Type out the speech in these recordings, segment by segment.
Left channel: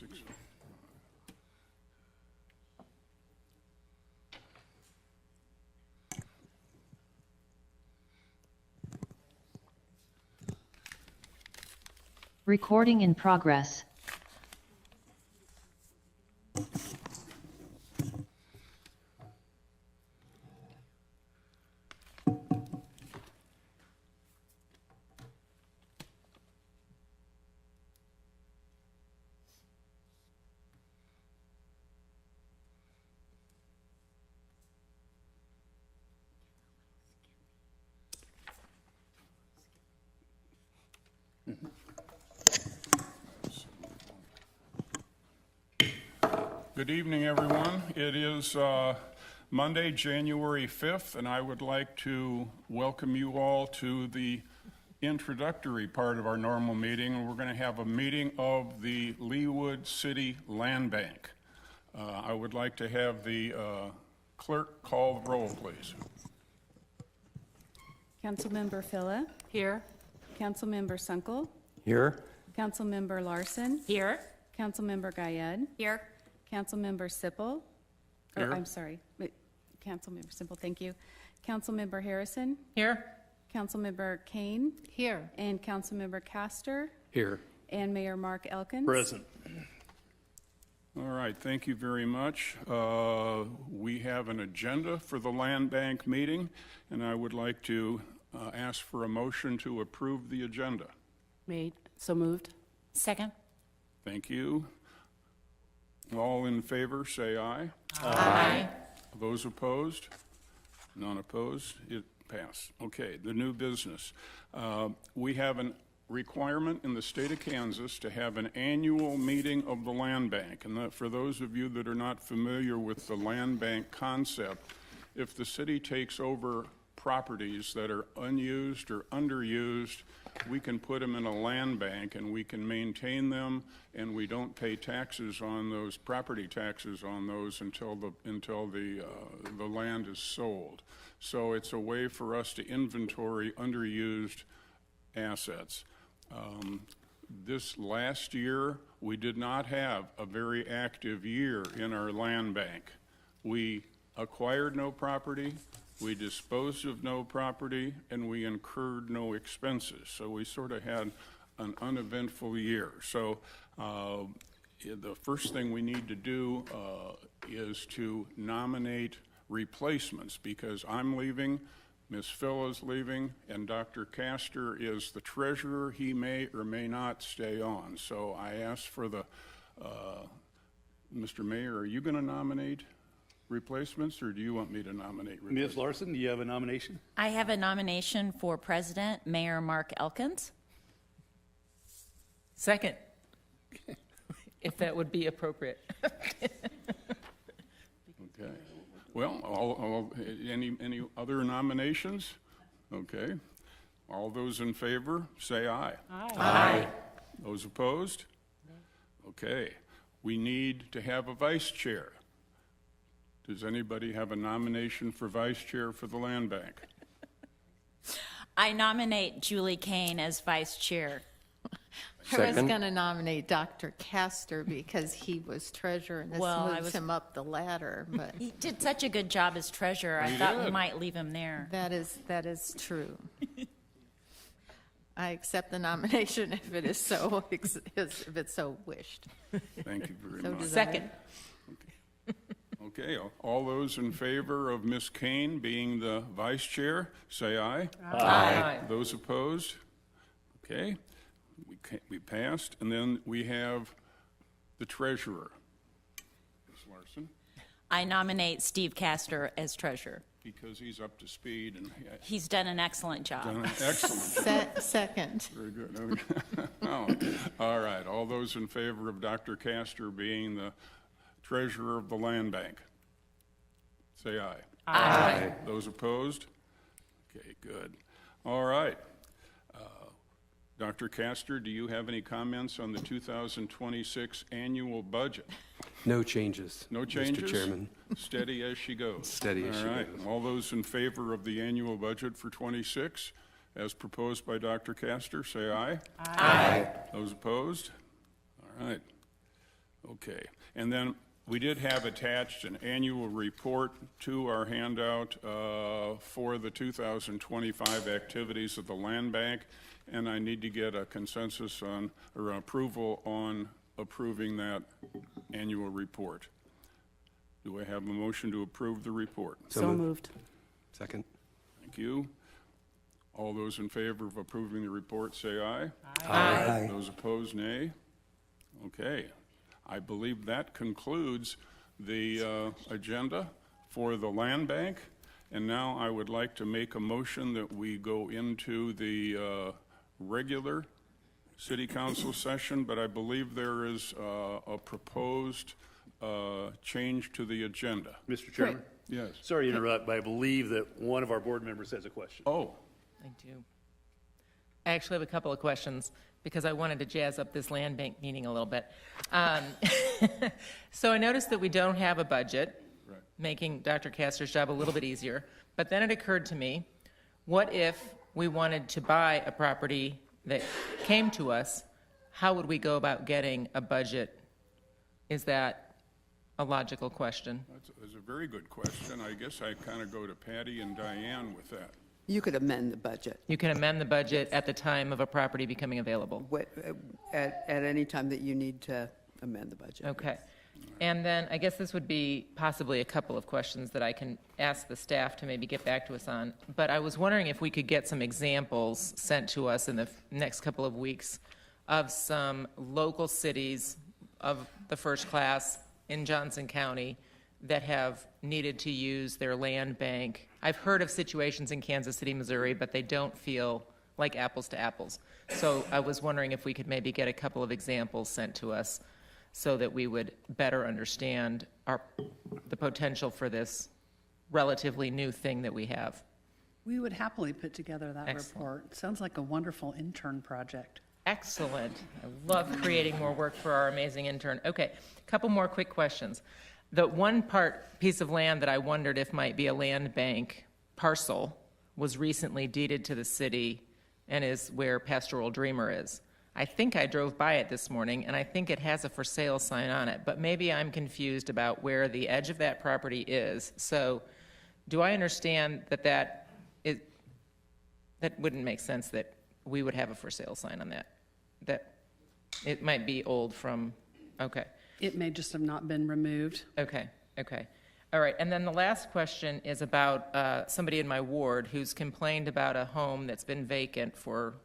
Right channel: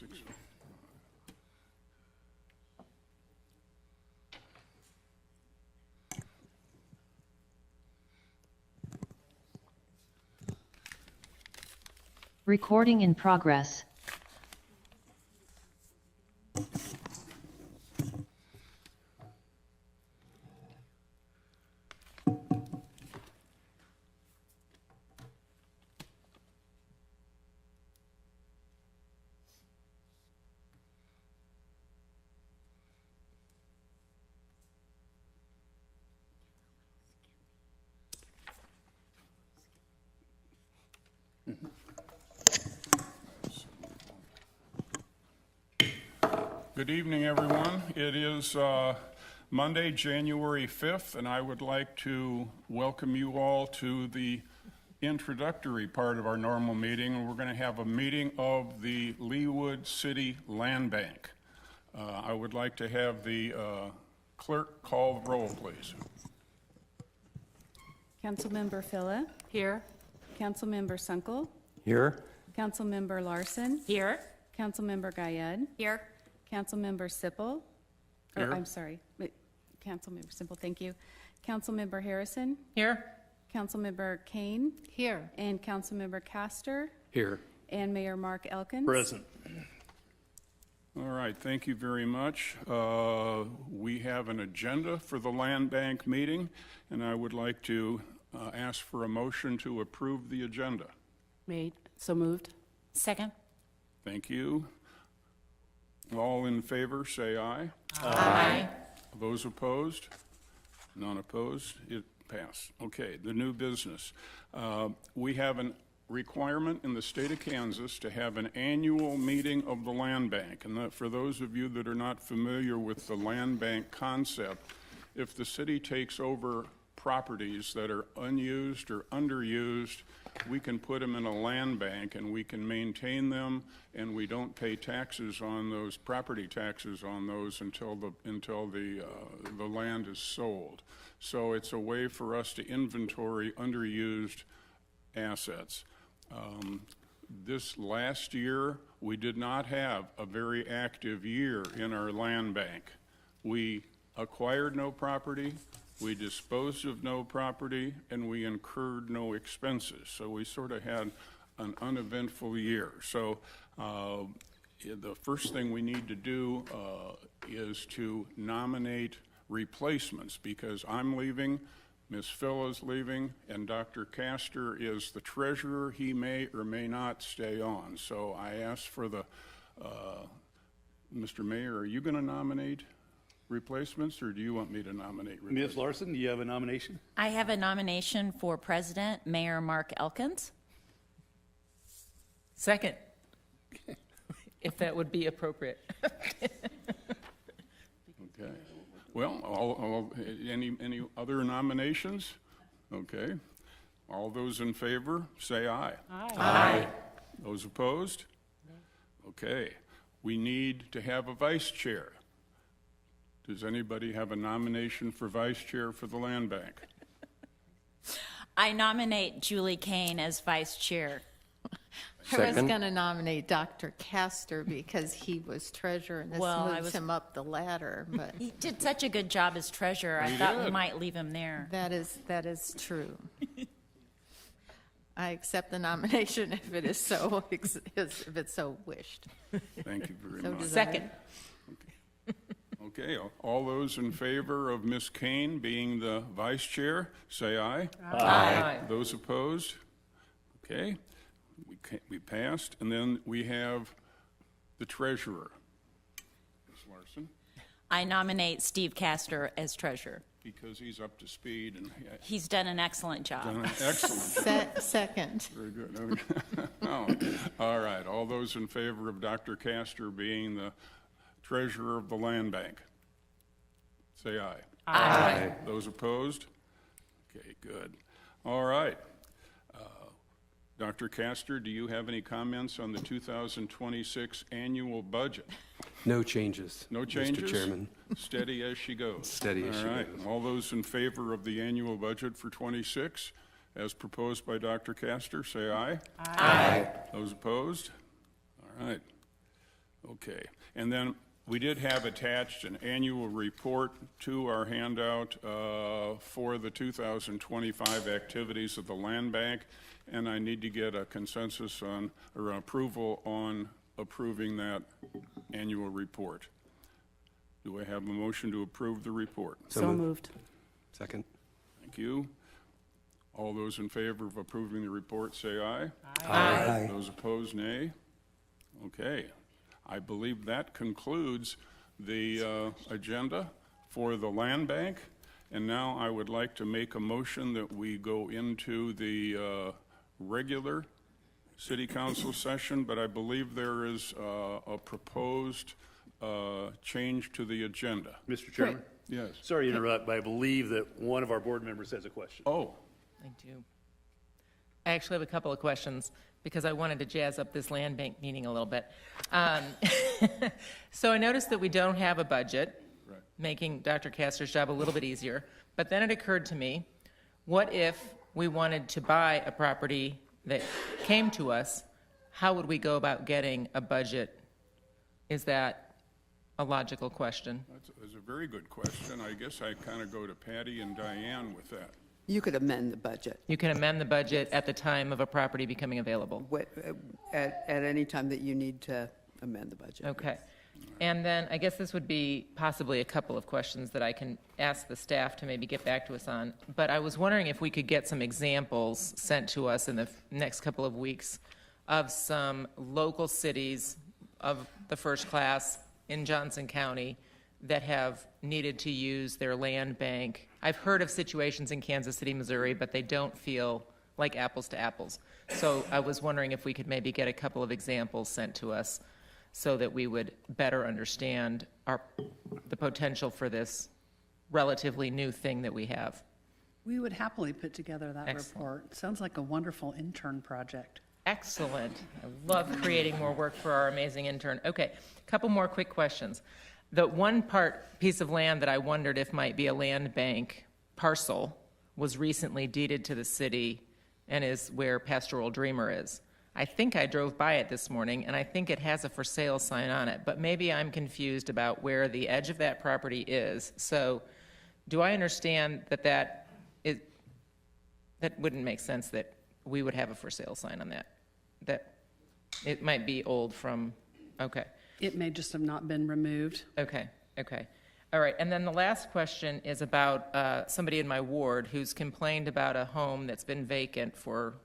6. Recording in progress. Good evening, everyone. It is Monday, January 5th, and I would like to welcome you all to the introductory part of our normal meeting. We're going to have a meeting of the Leawood City Land Bank. I would like to have the clerk call the roll, please. Councilmember Phila. Here. Councilmember Sunkel. Here. Councilmember Larson. Here. Councilmember Guyed. Here. Councilmember Sipple. Here. I'm sorry. Councilmember Sipple, thank you. Councilmember Harrison. Here. Councilmember Kane. Here. And Councilmember Castor. Here. And Mayor Mark Elkins. Present. All right, thank you very much. We have an agenda for the Land Bank meeting, and I would like to ask for a motion to approve the agenda. Made. So moved. Second. Thank you. All in favor, say aye. Aye. Those opposed? None opposed? It passed. Okay, the new business. We have a requirement in the state of Kansas to have an annual meeting of the Land Bank. And that for those of you that are not familiar with the Land Bank concept, if the city takes over properties that are unused or underused, we can put them in a land bank and we can maintain them, and we don't pay taxes on those, property taxes on those until the land is sold. So it's a way for us to inventory underused assets. This last year, we did not have a very active year in our land bank. We acquired no property, we disposed of no property, and we incurred no expenses. So we sort of had an uneventful year. So the first thing we need to do is to nominate replacements, because I'm leaving, Ms. Phila's leaving, and Dr. Castor is the treasurer. He may or may not stay on. So I asked for the, Mr. Mayor, are you going to nominate replacements, or do you want me to nominate replacements? Ms. Larson, do you have a nomination? I have a nomination for President, Mayor Mark Elkins. Second, if that would be appropriate. Okay. Well, any other nominations? Okay. All those in favor, say aye. Aye. Those opposed? Okay. We need to have a vice chair. Does anybody have a nomination for vice chair for the Land Bank? I nominate Julie Kane as vice chair. I was going to nominate Dr. Castor because he was treasurer, and this moves him up the ladder. But He did such a good job as treasurer. I thought we might leave him there. that is true. I accept the nomination if it is so if it's so wished. Thank you very So much. does Second. Okay, all those in favor of Ms. Kane being the vice chair, say aye. Aye. Those opposed? Okay, we passed. And then we have the treasurer. Ms. Larson, I nominate Steve Castor as treasurer. because he's up to speed and He's done an excellent job. done an excellent job. Second. Very good. Oh, all right, all those in favor of Dr. Castor being the treasurer of the Land Bank, say aye. Aye. Those opposed? Okay, good. All right. Dr. Castor, do you have any comments on the 2026 annual budget? No changes. No changes? Mr. Chairman. Steady as she goes. Steady as she All right. goes. All those in favor of the annual budget for 26, as proposed by Dr. Castor, say aye. Aye. Those opposed? All right. Okay, and then we did have attached an annual report to our handout for the 2025 activities of the Land Bank, and I need to get a consensus on, or approval on approving that annual report. Do I have a motion to approve the report? So moved. Second. Thank you. All those in favor of approving the report, say aye. Aye. Those opposed, nay. Okay. I believe that concludes the agenda for the Land Bank. And now I would like to make a motion that we go into the regular city council session, but I believe there is a proposed change to the agenda. Mr. Chairman? Yes. Sorry to interrupt, but I believe that one of our board members has a question. Oh, I do. I actually have a couple of questions because I wanted to jazz up this land bank meeting a little bit. So I noticed that we don't have a budget, making Dr. Castor's job a little bit easier. But then it occurred to me, what if we wanted to buy a property that came to us? How would we go about getting a budget? Is that a logical question? that's a very good question. I guess I kind of go to Patty and Diane with that. You could amend the budget You can amend the budget at the time of a property becoming available. at any time that you need to amend the budget. Okay. And then I guess this would be possibly a couple of questions that I can ask the staff to maybe get back to us on. But I was wondering if we could get some examples sent to us in the next couple of weeks of some local cities of the first class in Johnson County that have needed to use their land bank. I've heard of situations in Kansas City, Missouri, but they don't feel like apples to apples. So I was wondering if we could maybe get a couple of examples sent to us so that we would better understand the potential for this relatively new thing that we have. We would happily put together that Excellent. report. Sounds like a wonderful intern project. Excellent. I love creating more work for our amazing intern. Okay, a couple more quick questions. The one piece of land that I wondered if might be a land bank parcel was recently deeded to the city and is where Pastoral Dreamer is. I think I drove by it this morning, and I think it has a for sale sign on it, but maybe I'm confused about where the edge of that property is. So do I understand that that wouldn't make sense that we would have a for sale sign on that? That it might be old from, okay. It may just have not been removed. Okay. All right, and then the last question is about somebody in my ward who's complained about a home that's been vacant for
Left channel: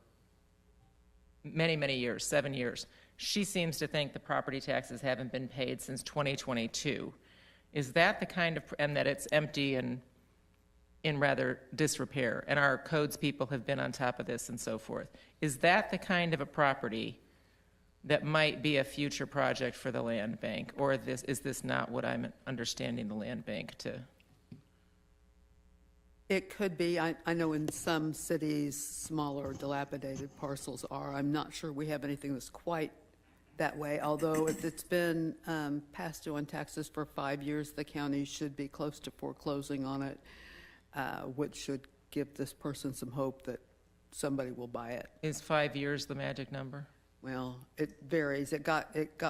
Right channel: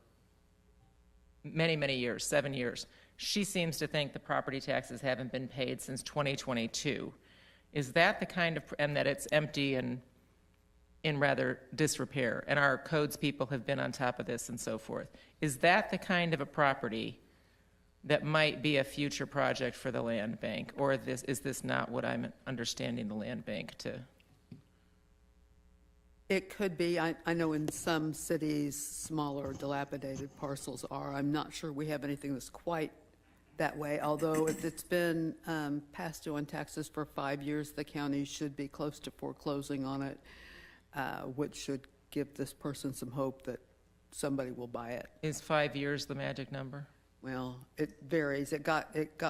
many, many years, 7 years. She seems to think the property taxes haven't been paid since 2022. Is that the kind of, and that it's empty and in rather disrepair, and our codes people have been on top of this and so forth. Is that the kind of a property that might be a future project for the land bank, or is this not what I'm understanding the land bank to? It could be. I know in some cities, smaller dilapidated parcels are. I'm not sure we have anything that's quite that way, although if it's been past due on taxes for 5 years, the county should be close to foreclosing on it, which should give this person some hope that somebody will buy it. Is 5 years the magic number? Well, it varies. It got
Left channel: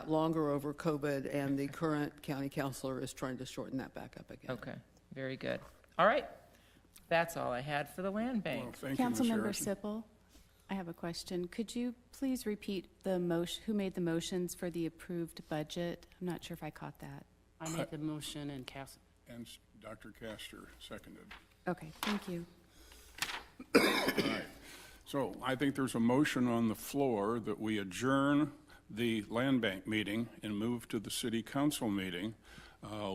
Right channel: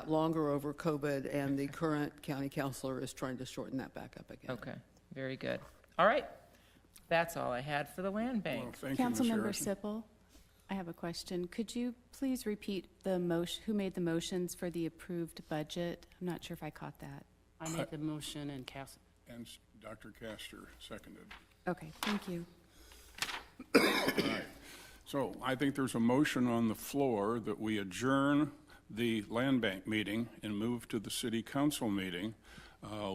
longer over COVID, and the current county councilor is trying to shorten that back up again. Okay, very good. All right, that's all I had for the land bank. Well, thank you, Ms. Councilmember Harrison. Sippel, I have a question. Could you please repeat the motion, who made the motions for the approved budget? I'm not sure if I caught that. I made the motion and Cass. And Dr. Castor seconded. Okay, thank you. All right. So I think there's a motion on the floor that we adjourn the land bank meeting and move to the city council meeting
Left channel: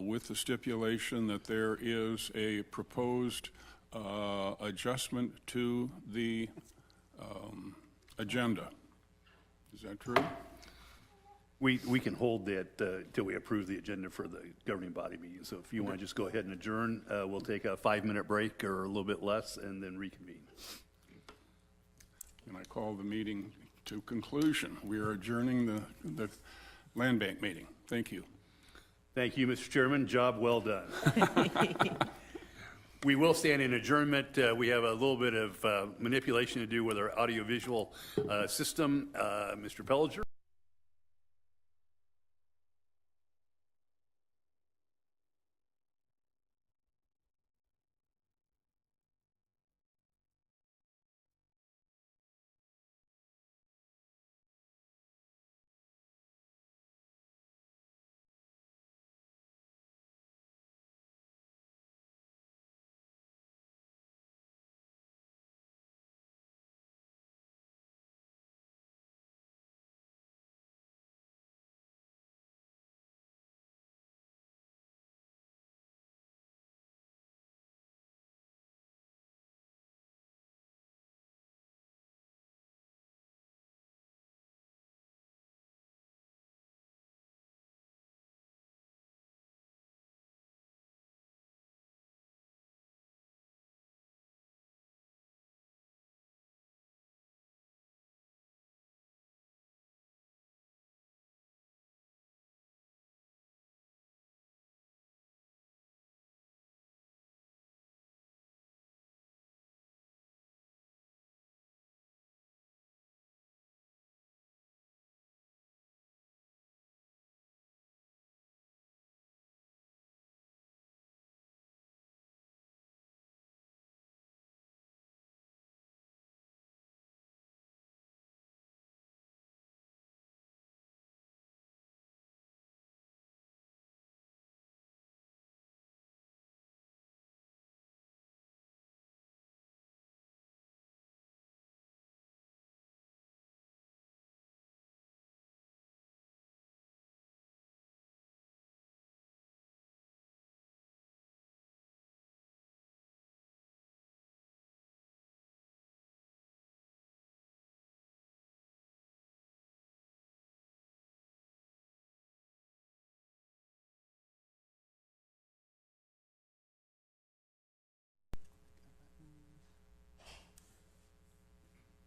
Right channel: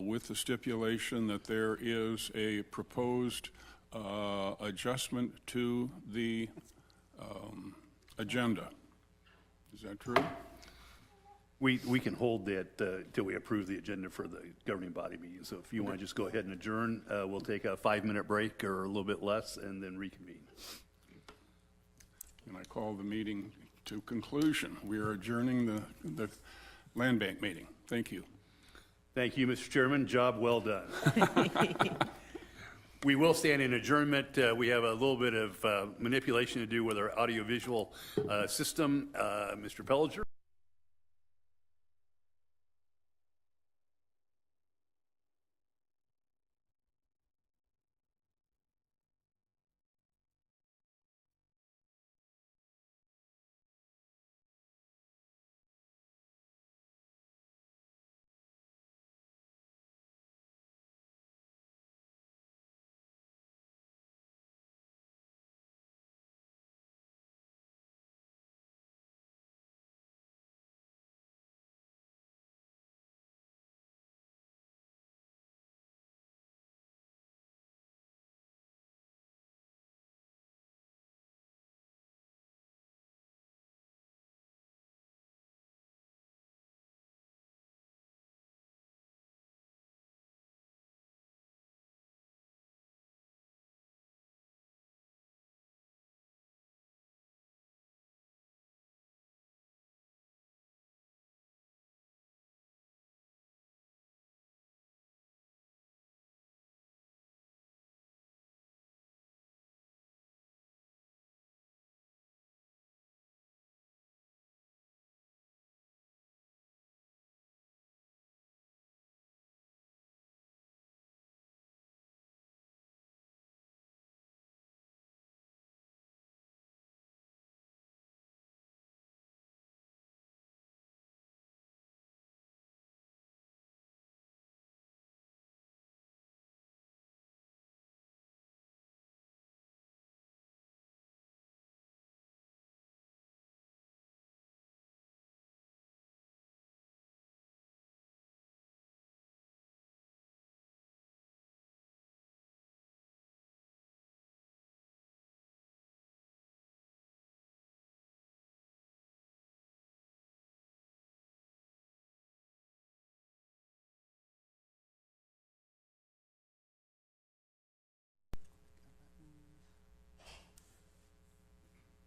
with the stipulation that there is a proposed adjustment to the agenda. Is that true? We can hold that till we approve the agenda for the governing body meeting. So if you want to just go ahead and adjourn, we'll take a 5-minute break or a little bit less and then reconvene. And I call the meeting to conclusion. We are adjourning the land bank meeting. Thank you. Thank you, Mr. Chairman. Job well done. We will stand in adjournment. We have a little bit of manipulation to do with our audiovisual system. Mr. Pellinger.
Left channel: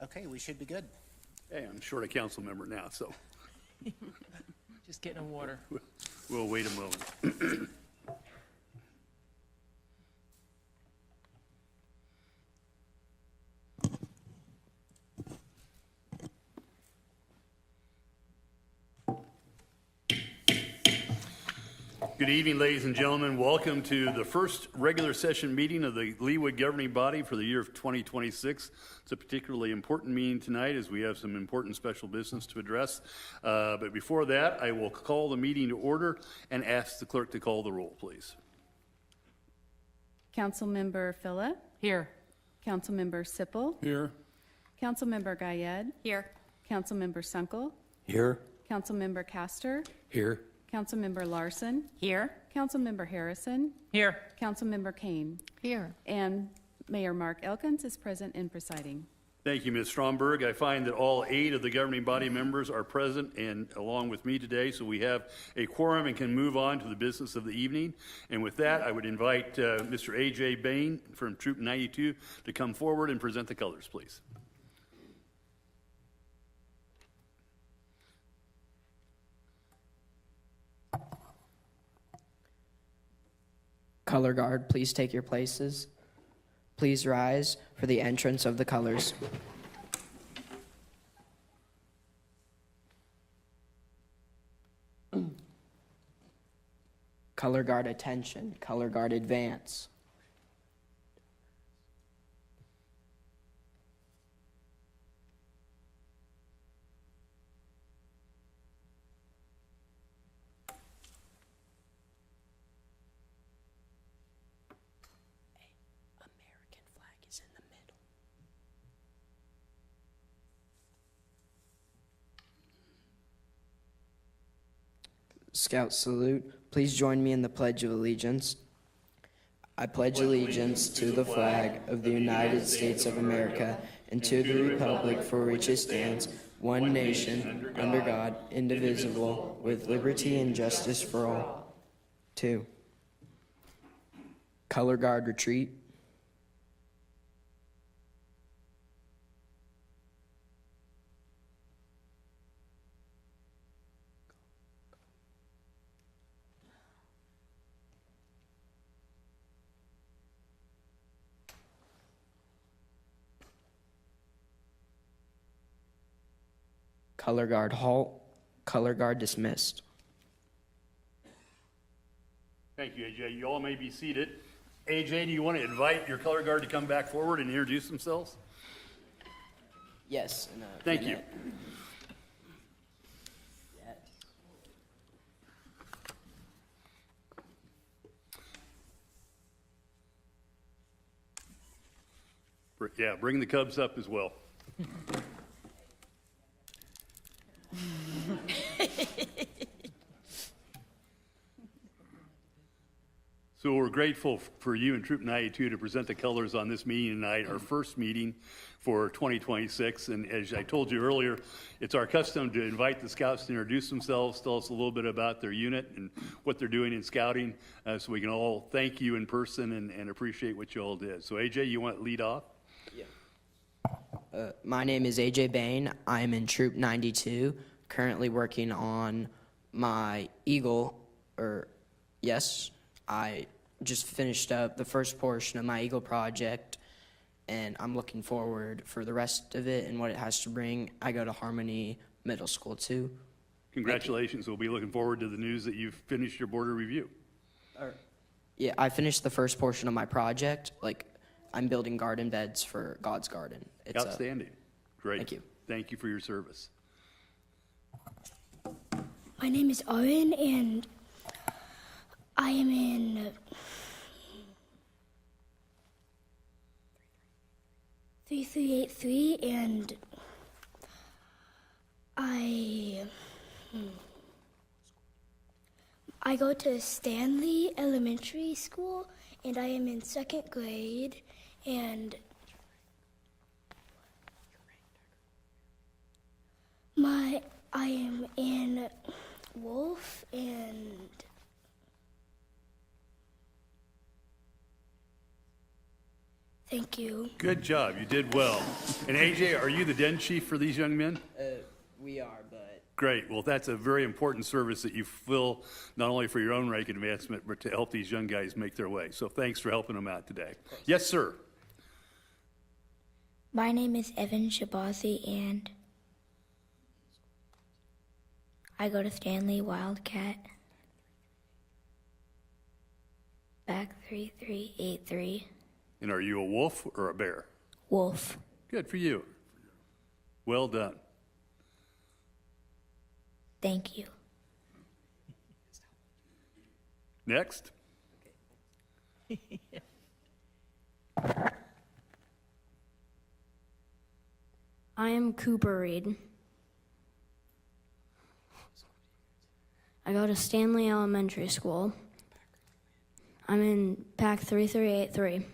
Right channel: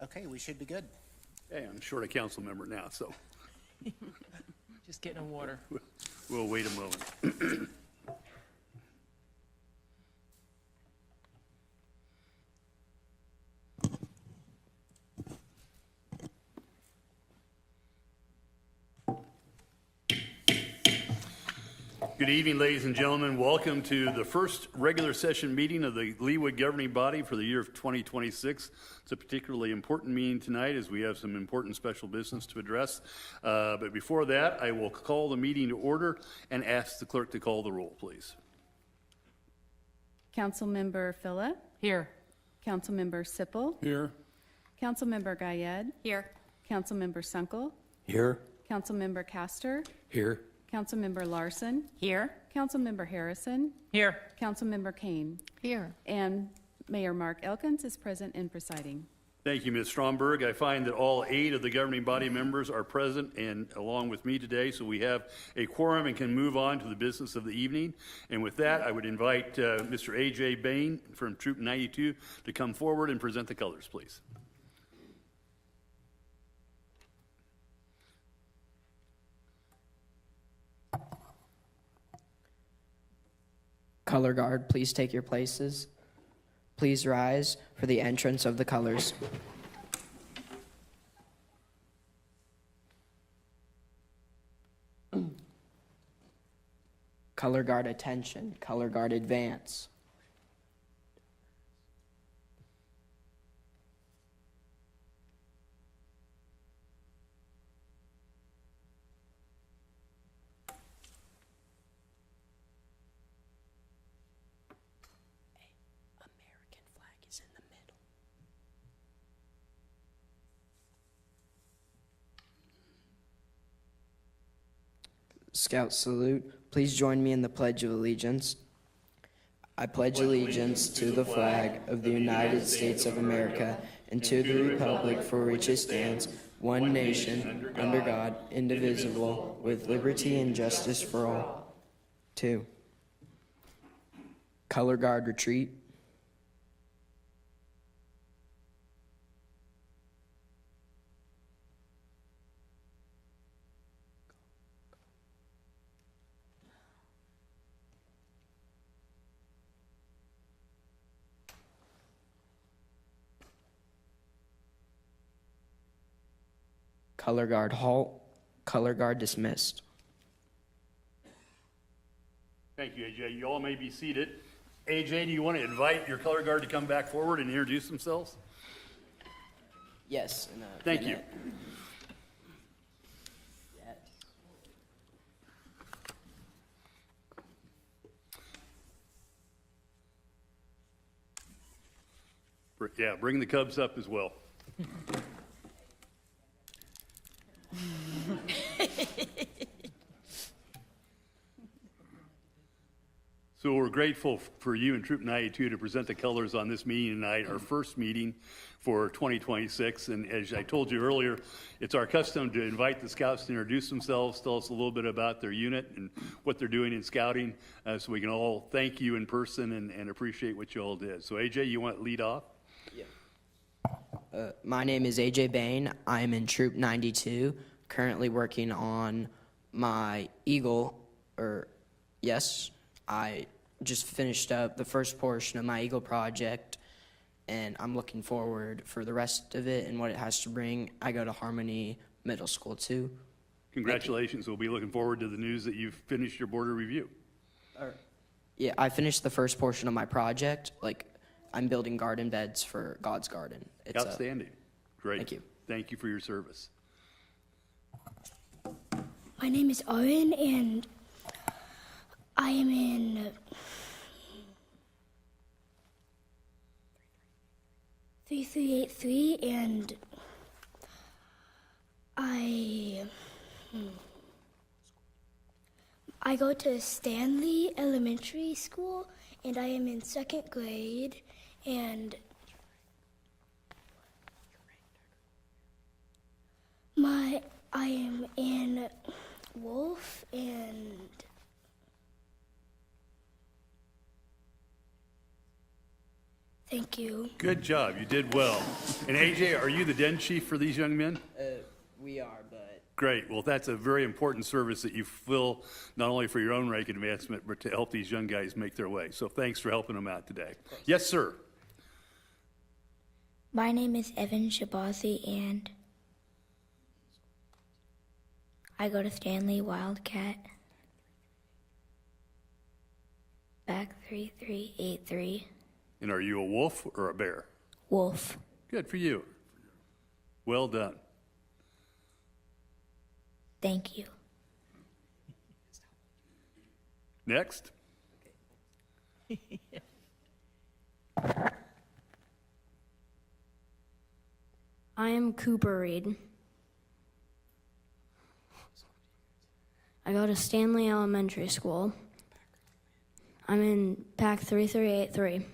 Okay, we should be good. Hey, I'm short a council member now, so Just getting a water. we'll wait a moment. Good evening, ladies and gentlemen. Welcome to the first regular session meeting of the Leawood governing body for the year of 2026. It's a particularly important meeting tonight as we have some important special business to address. But before that, I will call the meeting to order and ask the clerk to call the roll, please. Councilmember Phila, Here. Councilmember Sippel, Here. Councilmember Guyed, Here. Councilmember Sunkel, Here. Councilmember Castor, Here. Councilmember Larson, Here. Councilmember Harrison, Here. Councilmember Kane, Here. and Mayor Mark Elkins is present and presiding. Thank you, Ms. Stromberg. I find that all 8 of the governing body members are present and along with me today, so we have a quorum and can move on to the business of the evening. And with that, I would invite Mr. A.J. Bain from Troop 92 to come forward and present the colors, please. Color guard, please take your places. Please rise for the entrance of the colors. Color guard attention. Color guard advance. Scout salute. Please join me in the Pledge of Allegiance. I pledge allegiance to the flag of the United States of America and to the republic for which it stands, one nation, under God, indivisible, with liberty and justice for all. 2. Color guard retreat. Color guard halt. Color guard dismissed. Thank you, AJ. You all may be seated. AJ, do you want to invite your color guard to come back forward and introduce themselves? Yes. Thank you. Yeah, bring the Cubs up as well. So we're grateful for you and Troop 92 to present the colors on this meeting tonight, our first meeting for 2026. And as I told you earlier, it's our custom to invite the scouts to introduce themselves, tell us a little bit about their unit and what they're doing in scouting, so we can all thank you in person and appreciate what you all did. So AJ, you want to lead off? My name is AJ Bain. I'm in Troop 92, currently working on my Eagle, I just finished up the first portion of my Eagle project, and I'm looking forward for the rest of it and what it has to bring. I go to Harmony Middle School too. Congratulations. We'll be looking forward to the news that you've finished your border review. Yeah, I finished the first portion of my project. I'm building garden beds for God's Garden. It's outstanding. Great. Thank you. Thank you for your service. My name is Owen, and I am in 3383, and I go to Stanley Elementary School, and I am in 2nd grade, and I am in Wolf, and Thank you. Good job. You did well. And AJ, are you the den chief for these young men? We are, but Great. Well, that's a very important service that you fill not only for your own rank advancement, but to help these young guys make their way. So thanks for helping them out today. Yes, sir. My name is Evan Shabazi, and I go to Stanley Wildcat. Back 3383. And are you a wolf or a bear? Wolf. Good for you. Well done. Thank you. Next. I am Cooper Reed. I go to Stanley Elementary School. I'm in Pack 3383.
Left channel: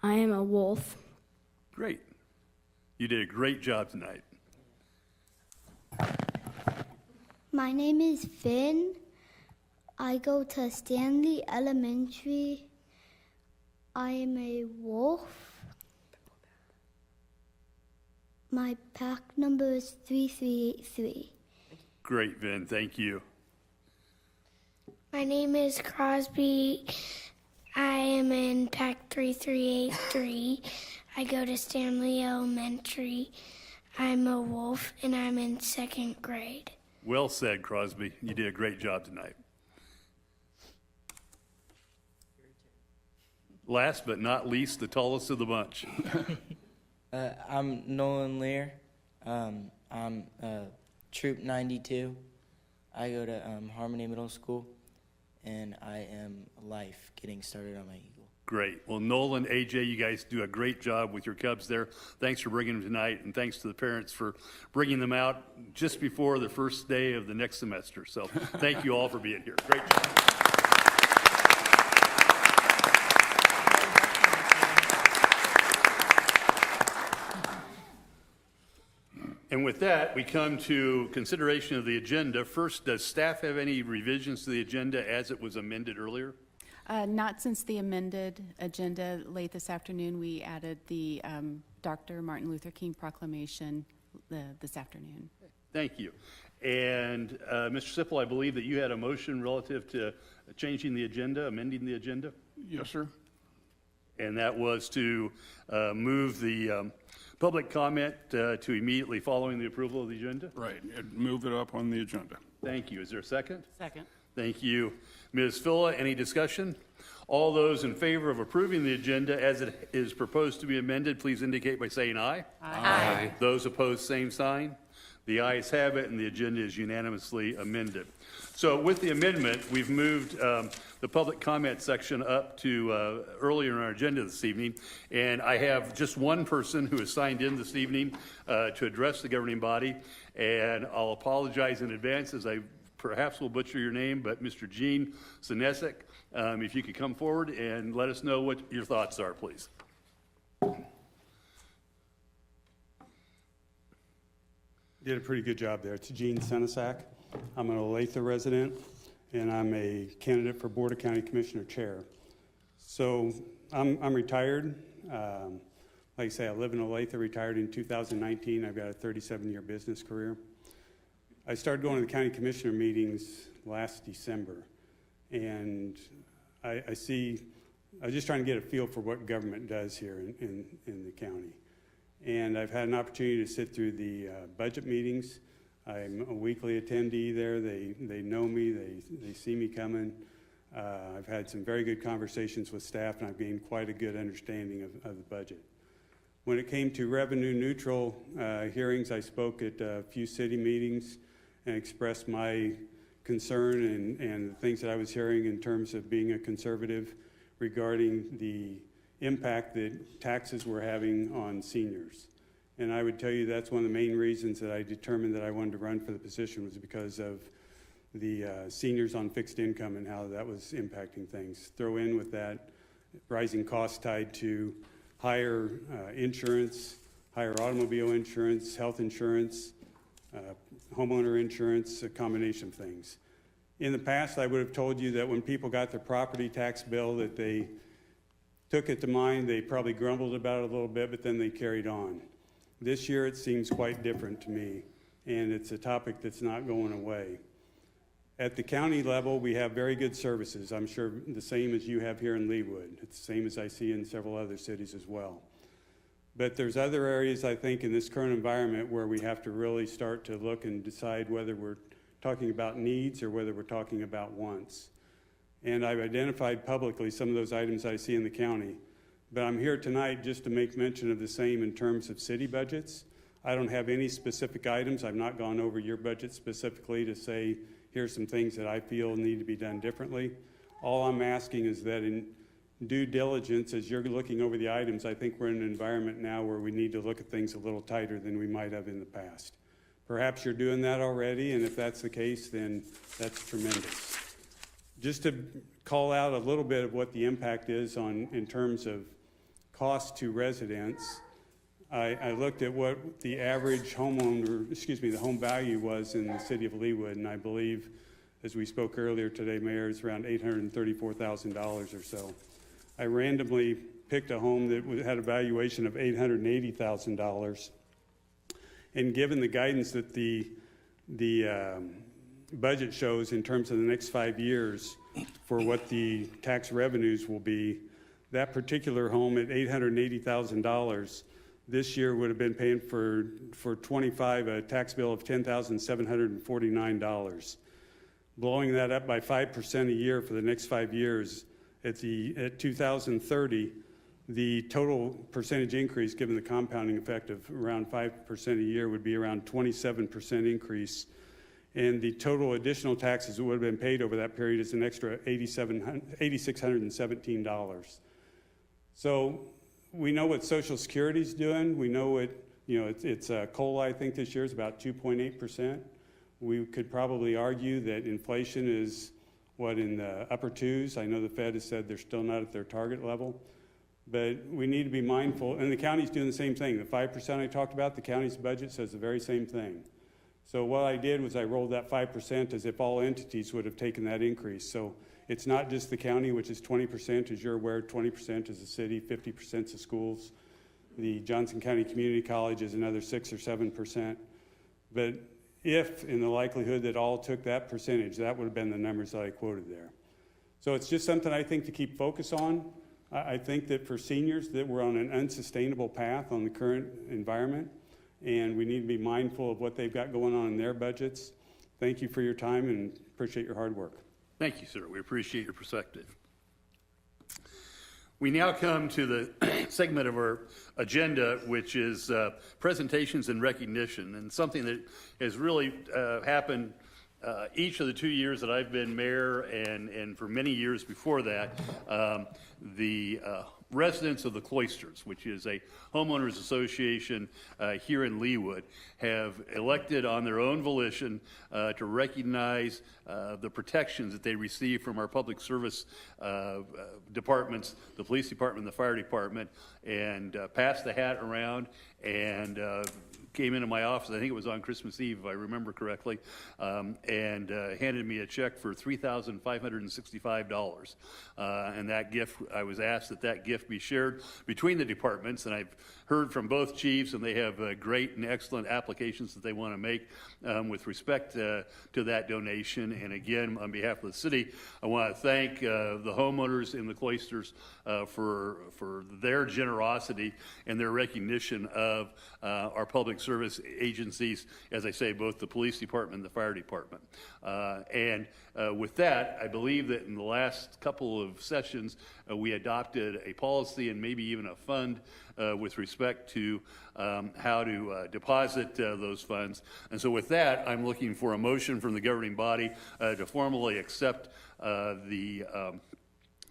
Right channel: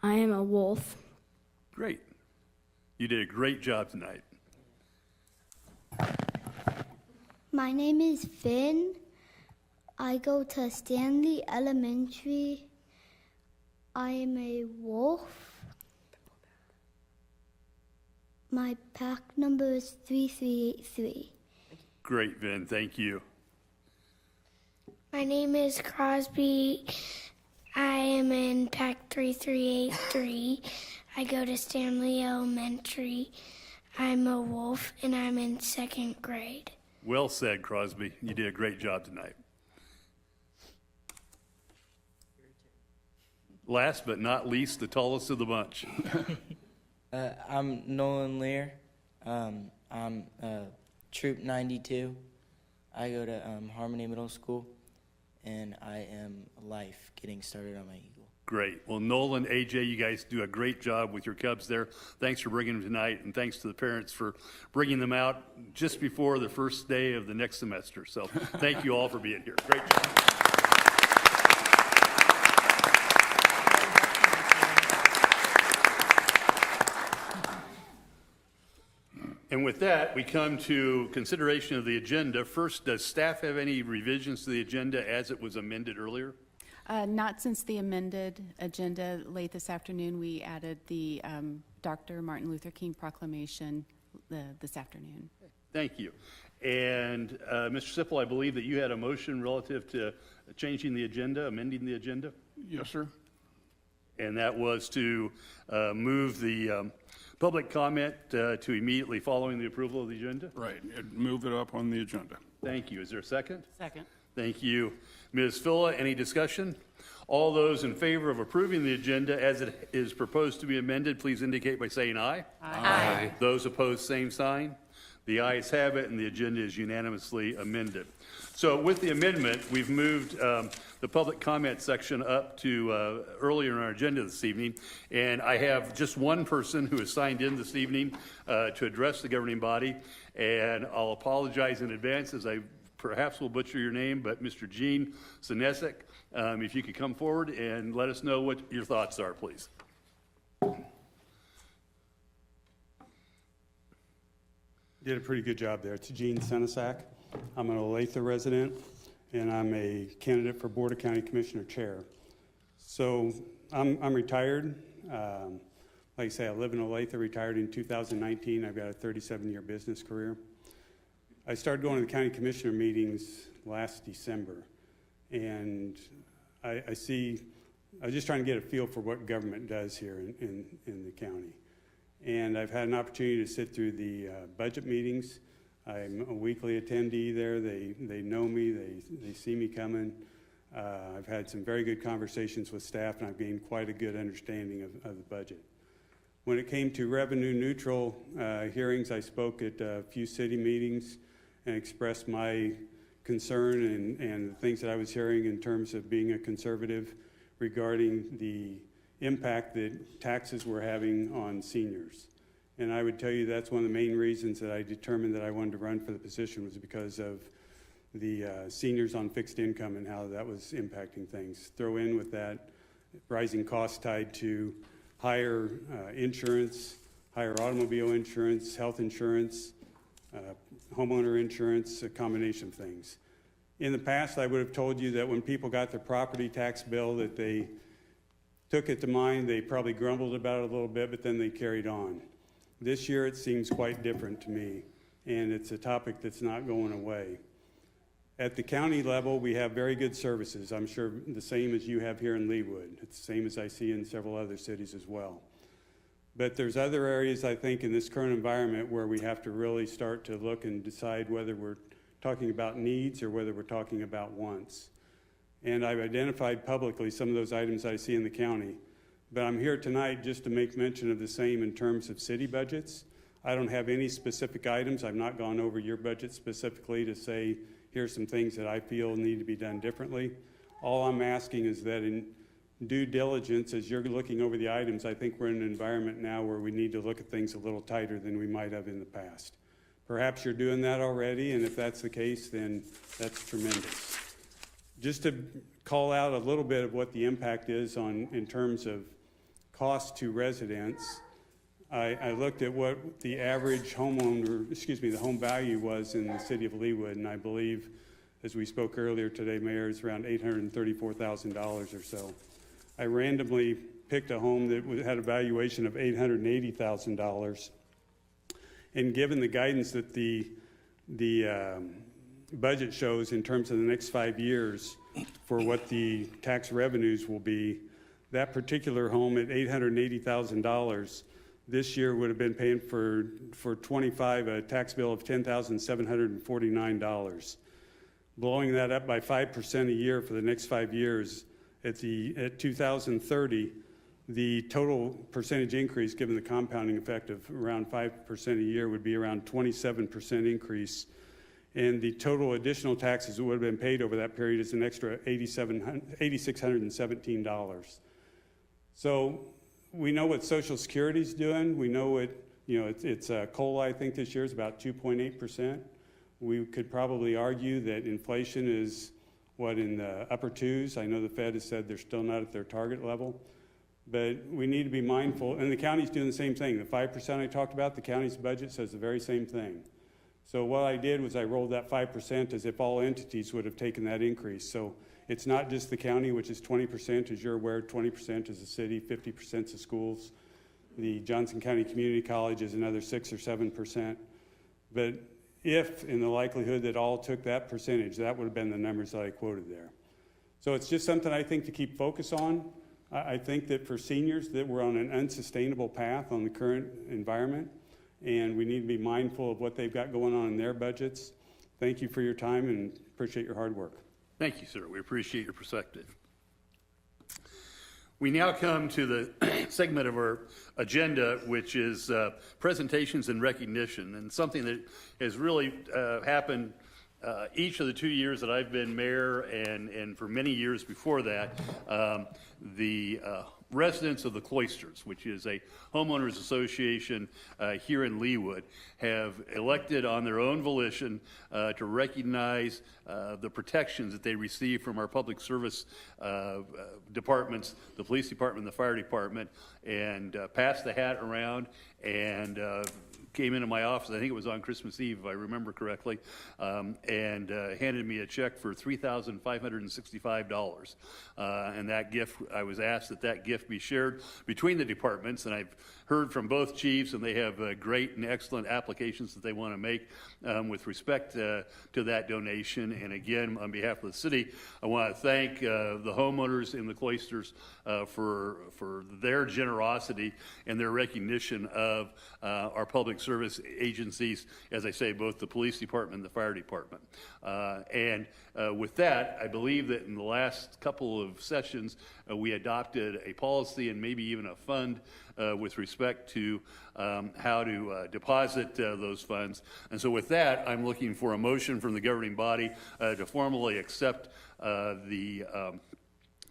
I am a wolf. Great. You did a great job tonight. My name is Finn. I go to Stanley Elementary. I am a wolf. My pack number is 3383. Great, Vin. Thank you. My name is Crosby. I am in pack 3383. I go to Stanley Elementary. I'm a wolf and I'm in 2nd grade. Well said, Crosby. You did a great job tonight. Last but not least, the tallest of the bunch. I'm Nolan Lear. I'm Troop 92. I go to Harmony Middle School, and I am Life, getting started on my Eagle. Great. Well, Nolan, AJ, you guys do a great job with your Cubs there. Thanks for bringing them tonight, and thanks to the parents for bringing them out just before the first day of the next semester. So thank you all for being here. Great job. And with that, we come to consideration of the agenda. First, does staff have any revisions to the agenda as it was amended earlier? Not since the amended agenda late this afternoon. We added the Dr. Martin Luther King proclamation this afternoon. Thank you. And Mr. Sipple, I believe that you had a motion relative to changing the agenda, amending the agenda? Yes, sir. And that was to move the public comment to immediately following the approval of the agenda? Right. And move it up on the agenda. Thank you. Is there a second? Second. Thank you. Ms. Phila, any discussion? All those in favor of approving the agenda as it is proposed to be amended, please indicate by saying aye. Aye. Those opposed, same sign. The ayes have it, and the agenda is unanimously amended. So with the amendment, we've moved the public comment section up to earlier in our agenda this evening, and I have just one person who has signed in this evening to address the governing body, and I'll apologize in advance as I perhaps will butcher your name, but Mr. Gene Sinesek, if you could come forward and let us know what your thoughts are, please. Did a pretty good job there. It's Gene Sinesek. I'm an Olathe resident, and I'm a candidate for Board of County Commissioner Chair. So I'm retired. Like I say, I live in Olathe. I retired in 2019. I've got a 37-year business career. I started going to the county commissioner meetings last December, and I was just trying to get a feel for what government does here in the county. And I've had an opportunity to sit through the budget meetings. I'm a weekly attendee there. They know me. They see me coming. I've had some very good conversations with staff, and I've gained quite a good understanding of the budget. When it came to revenue neutral hearings, I spoke at a few city meetings and expressed my concern and the things that I was hearing in terms of being a conservative regarding the impact that taxes were having on seniors. And I would tell you that's one of the main reasons that I determined that I wanted to run for the position, was because of the seniors on fixed income and how that was impacting things. Throw in with that rising costs tied to higher insurance, higher automobile insurance, health insurance, homeowner insurance, a combination of things. In the past, I would have told you that when people got their property tax bill that they took it to mind, they probably grumbled about it a little bit, but then they carried on. This year, it seems quite different to me, and it's a topic that's not going away. At the county level, we have very good services. I'm sure the same as you have here in Leawood. It's the same as I see in several other cities as well. But there's other areas, I think, in this current environment where we have to really start to look and decide whether we're talking about needs or whether we're talking about wants. And I've identified publicly some of those items I see in the county. But I'm here tonight just to make mention of the same in terms of city budgets. I don't have any specific items. I've not gone over your budget specifically to say, here's some things that I feel need to be done differently. All I'm asking is that in due diligence, as you're looking over the items, I think we're in an environment now where we need to look at things a little tighter than we might have in the past. Perhaps you're doing that already, and if that's the case, then that's tremendous. Just to call out a little bit of what the impact is in terms of cost to residents, I looked at what the average the home value was in the city of Leawood, and I believe, as we spoke earlier today, Mayor, it's around $834,000 or so. I randomly picked a home that had a valuation of $880,000, and given the guidance that the budget shows in terms of the next 5 years for what the tax revenues will be, that particular home at $880,000 this year would have been paying for 25 a tax bill of $10,749. Blowing that up by 5% a year for the next 5 years, at 2030, the total percentage increase, given the compounding effect of around 5% a year, would be around 27% increase. And the total additional taxes that would have been paid over that period is an extra $8,617. So we know what Social Security is doing. We know it's COLA, I think this year is about 2.8%. We could probably argue that inflation is in the upper twos. I know the Fed has said they're still not at their target level, but we need to be mindful. And the county's doing the same thing. The 5% I talked about, the county's budget says the very same thing. So what I did was I rolled that 5% as if all entities would have taken that increase. So it's not just the county, which is 20%, as you're aware, 20% is the city, 50% is the schools. The Johnson County Community College is another 6 or 7%. But if, in the likelihood that all took that percentage, that would have been the numbers that I quoted there. So it's just something I think to keep focus on. I think that for seniors that we're on an unsustainable path on the current environment, and we need to be mindful of what they've got going on in their budgets. Thank you for your time and appreciate your hard work. Thank you, sir. We appreciate your perspective. We now come to the segment of our agenda, which is presentations and recognition, and something that has really happened each of the 2 years that I've been mayor and for many years before that. The residents of the Cloisters, which is a homeowners association here in Leawood, have elected on their own volition to recognize the protections that they receive from our public service departments, the police department, the fire department, and passed the hat around and came into my office, I think it was on Christmas Eve, if I remember correctly, and handed me a check for $3,565. And that gift, I was asked that gift be shared between the departments, and I've heard from both chiefs, and they have great and excellent applications that they want to make with respect to that donation. And again, on behalf of the city, I want to thank the homeowners in the Cloisters for their generosity and their recognition of our public service agencies, as I say, both the police department and the fire department. And with that, I believe that in the last couple of sessions, we adopted a policy and maybe even a fund with respect to how to deposit those funds. And so with that, I'm looking for a motion from the governing body to formally accept the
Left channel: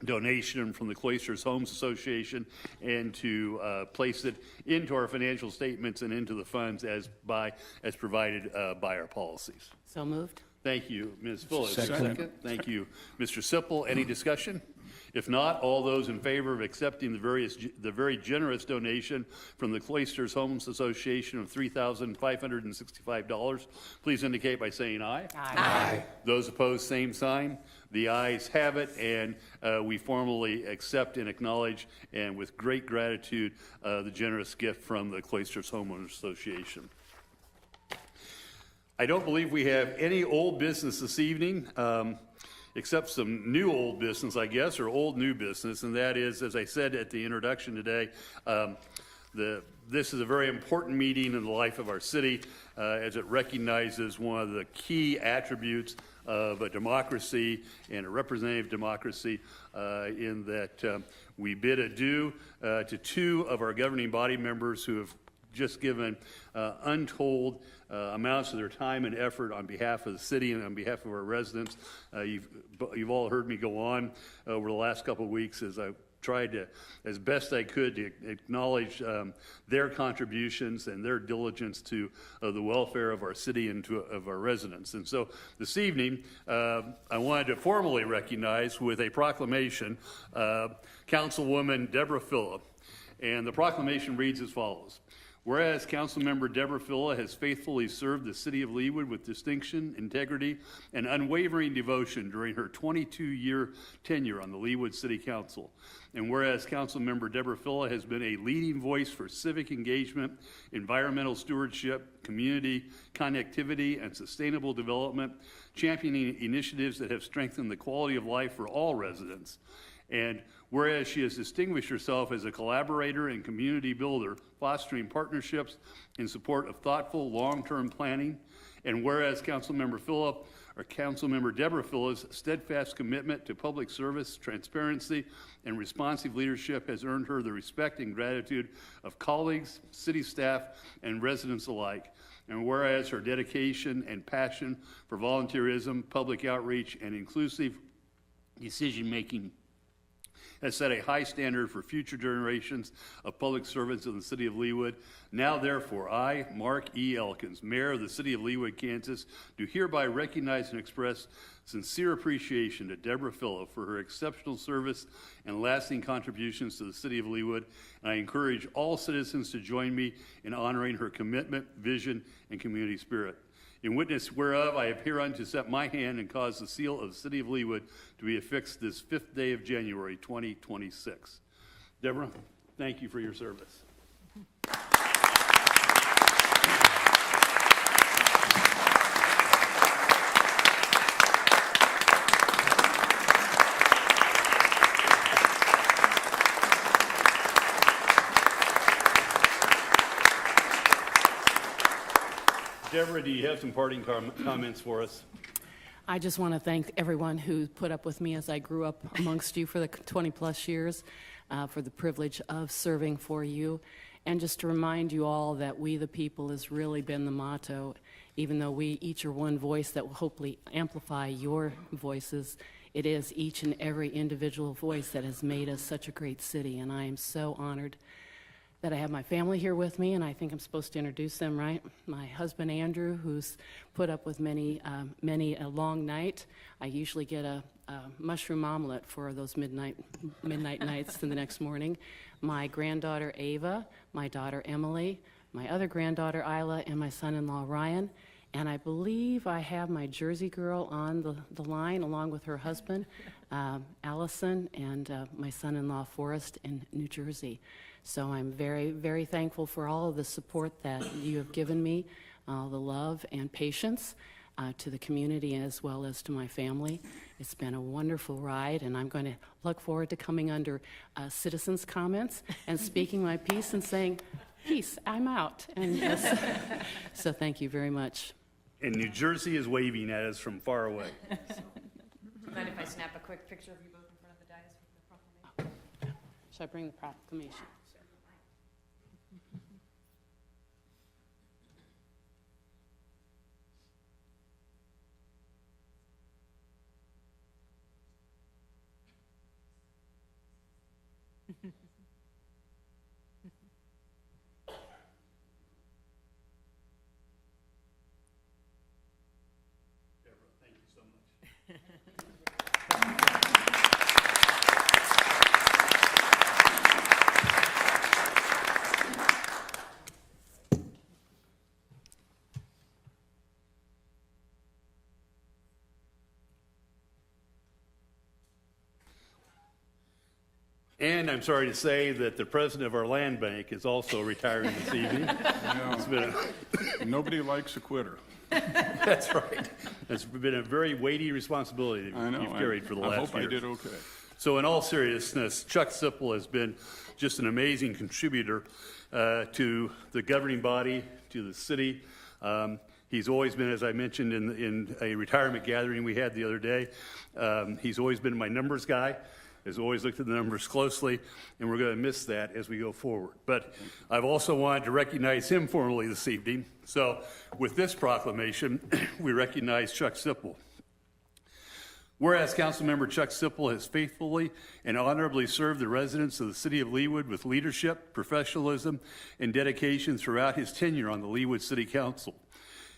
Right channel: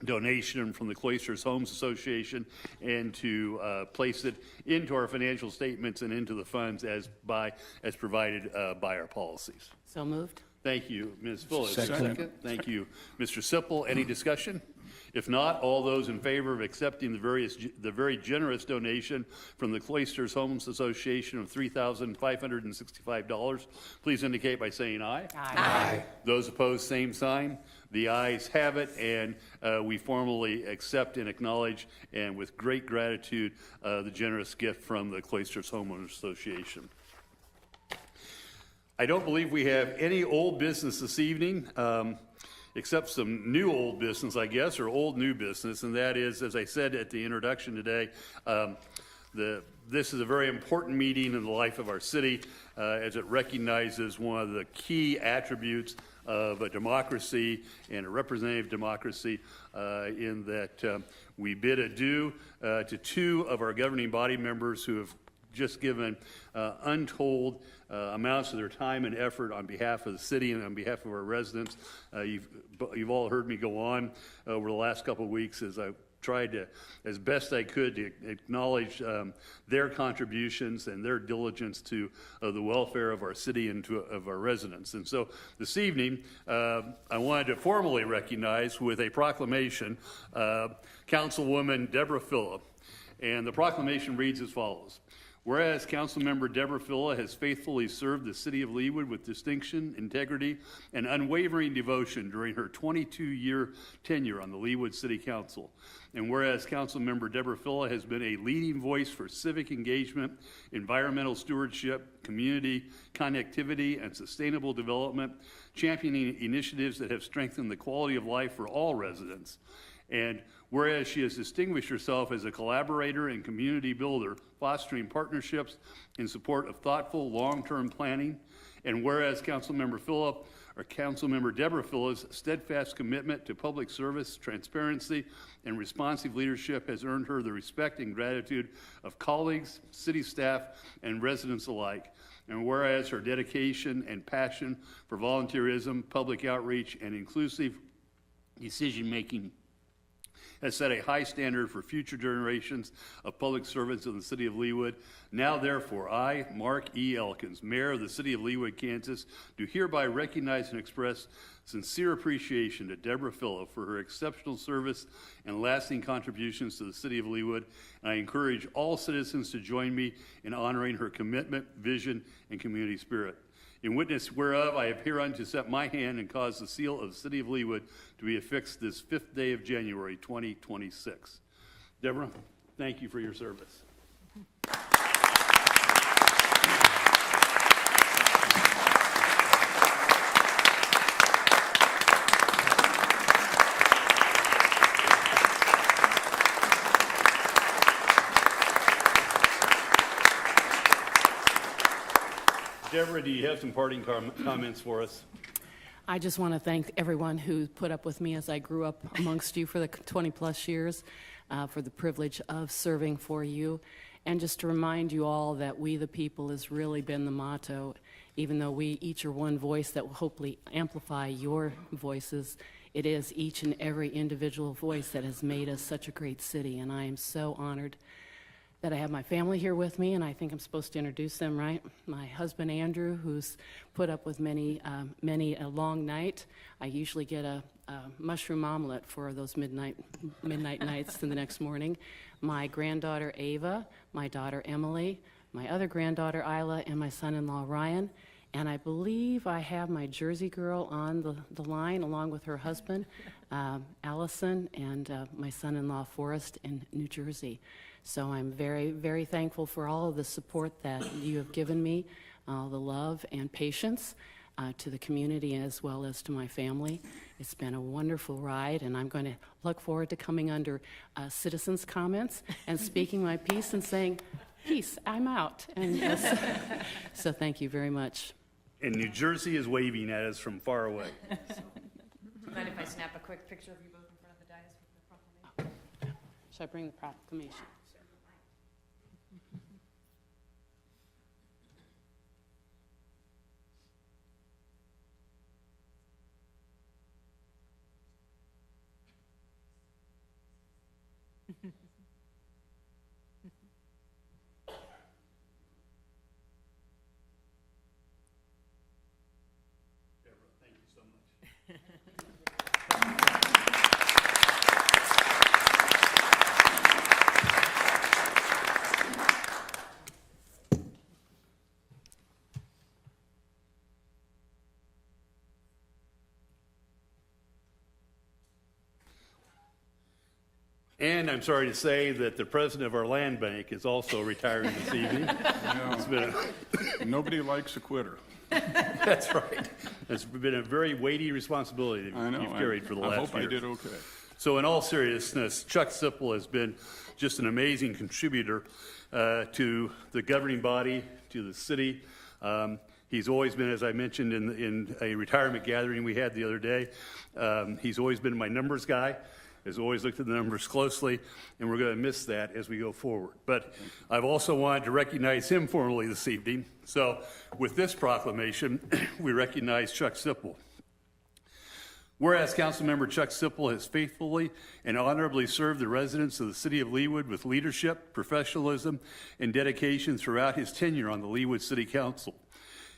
donation from the Cloisters Homes Association and to place it into our financial statements and into the funds as provided by our policies. So moved. Thank you, Ms. Fuller. Second. Thank you, Mr. Sipple. Any discussion? If not, all those in favor of accepting the very generous donation from the Cloisters Homes Association of $3,565, please indicate by saying aye. Aye. Those opposed, same sign. The ayes have it, and we formally accept and acknowledge, and with great gratitude, the generous gift from the Cloisters Homeowners Association. I don't believe we have any old business this evening, except some new old business, I guess, or old new business, and that is, as I said at the introduction today, this is a very important meeting in the life of our city, as it recognizes one of the key attributes of a democracy and a representative democracy, in that we bid adieu to two of our governing body members who have just given untold amounts of their time and effort on behalf of the city and on behalf of our residents. You've all heard me go on over the last couple of weeks as I tried to, as best I could, to acknowledge their contributions and their diligence to the welfare of our city and of our residents. And so this evening, I wanted to formally recognize with a proclamation Councilwoman Deborah Phillip. And the proclamation reads as follows. Whereas Councilmember Deborah Phillip has faithfully served the city of Leawood with distinction, integrity, and unwavering devotion during her 22-year tenure on the Leawood City Council. And whereas Councilmember Deborah Phillip has been a leading voice for civic engagement, environmental stewardship, community connectivity, and sustainable development, championing initiatives that have strengthened the quality of life for all residents. And whereas she has distinguished herself as a collaborator and community builder, fostering partnerships in support of thoughtful long-term planning, and whereas Councilmember Deborah Phillip's steadfast commitment to public service, transparency, and responsive leadership has earned her the respect and gratitude of colleagues, city staff, and residents alike. And whereas her dedication and passion for volunteerism, public outreach, and inclusive decision-making has set a high standard for future generations of public servants of the city of Leawood. Now, therefore, I, Mark E. Elkins, Mayor of the city of Leawood, Kansas, do hereby recognize and express sincere appreciation to Deborah Phillip for her exceptional service and lasting contributions to the city of Leawood. And I encourage all citizens to join me in honoring her commitment, vision, and community spirit. In witness whereof, I have hereunto set my hand and caused the seal of the city of Leawood to be affixed this 5th day of January, 2026. Deborah, thank you for your service. Deborah, do you have some parting comments for us? I just want to thank everyone who put up with me as I grew up amongst you for the 20 plus years, for the privilege of serving for you. And just to remind you all that we the people has really been the motto, even though we each are one voice that will hopefully amplify your voices. It is each and every individual voice that has made us such a great city. And I am so honored that I have my family here with me, and I think I'm supposed to introduce them, right? My husband, Andrew, who's put up with many a long night. I usually get a mushroom omelet for those midnight nights in the next morning. My granddaughter, Ava, my daughter, Emily, my other granddaughter, Isla, and my son-in-law, Ryan. And I believe I have my Jersey girl on the line, along with her husband, Allison, and my son-in-law, Forrest, in New Jersey. So I'm very, very thankful for all of the support that you have given me, the love and patience to the community as well as to my family. It's been a wonderful ride, and I'm going to look forward to coming under citizens' comments and speaking my piece and saying, peace, I'm out. And yes, so thank you very much. And New Jersey is waving at us from far away. Mind if I snap a quick picture of you both in front of the dais with the proclamation? Should I bring the proclamation? And I'm sorry to say that the president of our land bank is also retiring this evening. It's been Nobody likes a quitter. that's right. It's been a very weighty responsibility that I know. you've carried for the I last hope year. I did okay. So in all seriousness, Chuck Sipple has been just an amazing contributor to the governing body, to the city. He's always been, as I mentioned in a retirement gathering we had the other day, he's always been my numbers guy, has always looked at the numbers closely, and we're going to miss that as we go forward. But I've also wanted to recognize him formally this evening. So with this proclamation, we recognize Chuck Sipple. Whereas Councilmember Chuck Sipple has faithfully and honorably served the residents of the city of Leawood with leadership, professionalism, and dedication throughout his tenure on the Leawood City Council.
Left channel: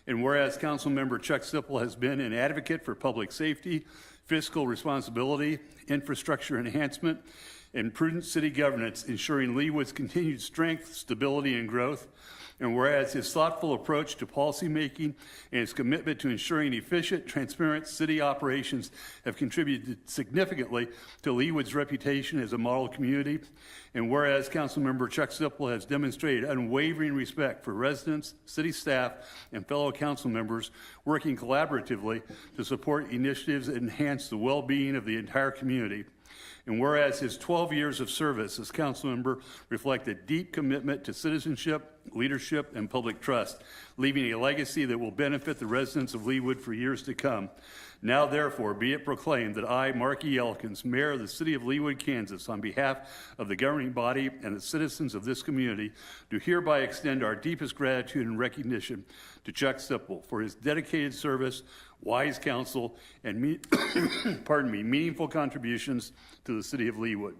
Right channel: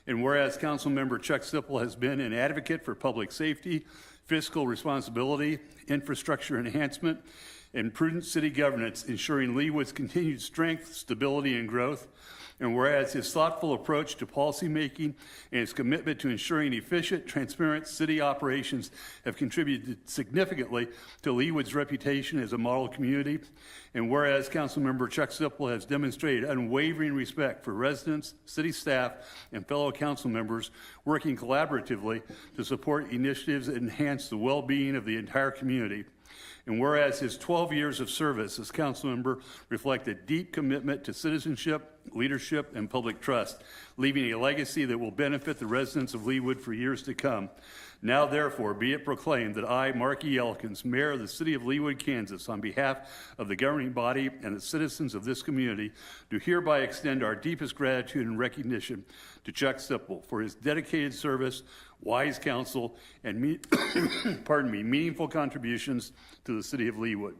And whereas Councilmember Chuck Sipple has been an advocate for public safety, fiscal responsibility, infrastructure enhancement, and prudent city governance, ensuring Leawood's continued strength, stability, and growth. And whereas his thoughtful approach to policymaking and his commitment to ensuring efficient, transparent city operations have contributed significantly to Leawood's reputation as a model community. And whereas Councilmember Chuck Sipple has demonstrated unwavering respect for residents, city staff, and fellow council members working collaboratively to support initiatives that enhance the well-being of the entire community. And whereas his 12 years of service as council member reflect a deep commitment to citizenship, leadership, and public trust, leaving a legacy that will benefit the residents of Leawood for years to come. Now, therefore, be it proclaimed that I, Mark E. Elkins, Mayor of the City of Leawood, Kansas, on behalf of the governing body and the citizens of this community, do hereby extend our deepest gratitude and recognition to Chuck Sipple for his dedicated service, wise counsel, and meaningful contributions to the City of Leawood.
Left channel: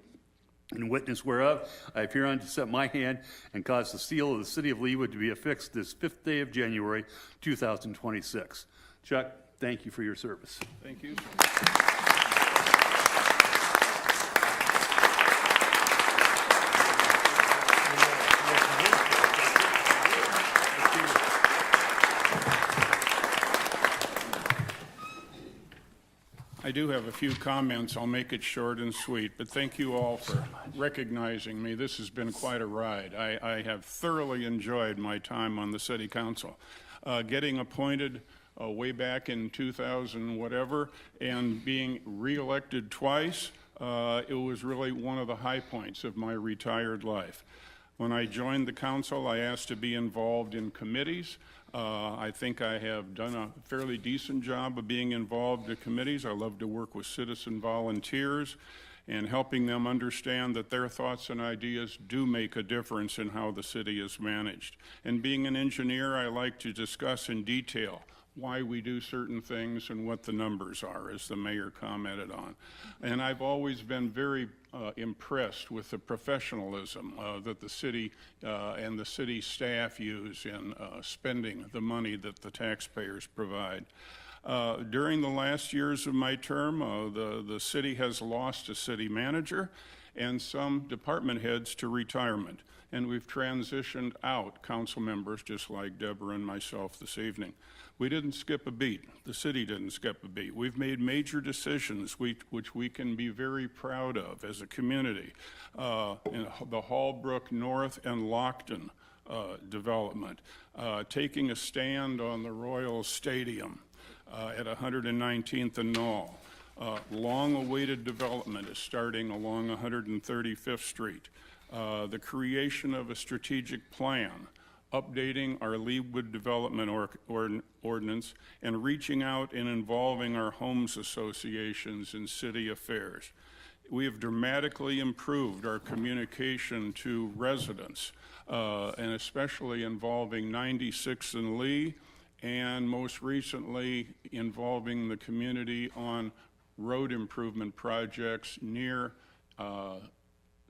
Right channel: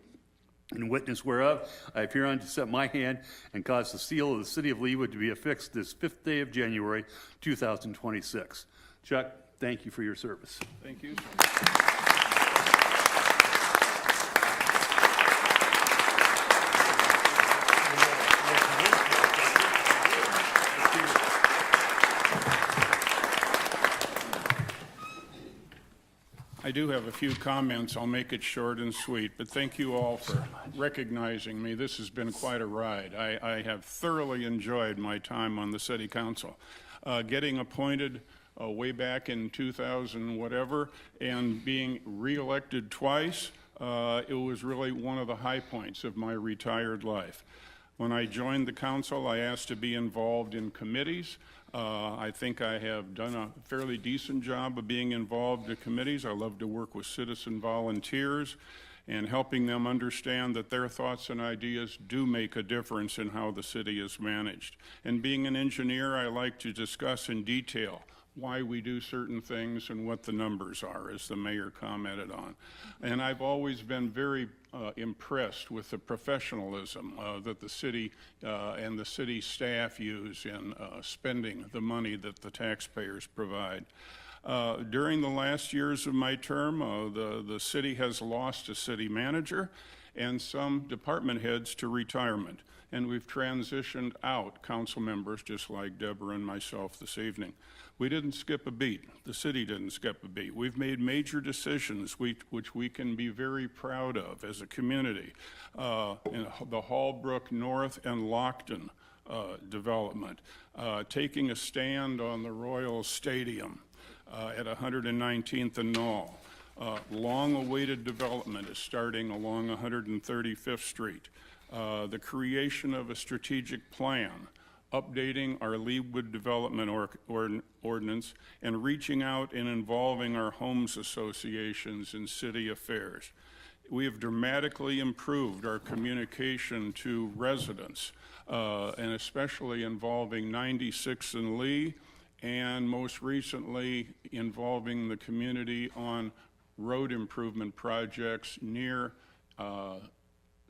In witness whereof, I have hereon to set my hand and cause the seal of the City of Leawood to be affixed this 5th day of January, 2026. Chuck, thank you for your service. Thank you. I do have a few comments. I'll make it short and sweet, but thank you all for recognizing me. This has been quite a ride. I have thoroughly enjoyed my time on the city council. Getting appointed way back in 2000 whatever and being reelected twice, it was really one of the high points of my retired life. When I joined the council, I asked to be involved in committees. I think I have done a fairly decent job of being involved in committees. I love to work with citizen volunteers and helping them understand that their thoughts and ideas do make a difference in how the city is managed. And being an engineer, I like to discuss in detail why we do certain things and what the numbers are, as the mayor commented on. And I've always been very impressed with the professionalism that the city and the city staff use in spending the money that the taxpayers provide. During the last years of my term, the city has lost a city manager and some department heads to retirement. And we've transitioned out council members just like Deborah and myself this evening. We didn't skip a beat. The city didn't skip a beat. We've made major decisions which we can be very proud of as a community. In the Hallbrook North and Lockton development, taking a stand on the Royal Stadium at 119th and Knoll. Long-awaited development is starting along 135th Street. The creation of a strategic plan, updating our Leawood Development Ordinance, and reaching out and involving our homes associations in city affairs. We have dramatically improved our communication to residents, and especially involving 96th and Lee, and most recently involving the community on road improvement projects near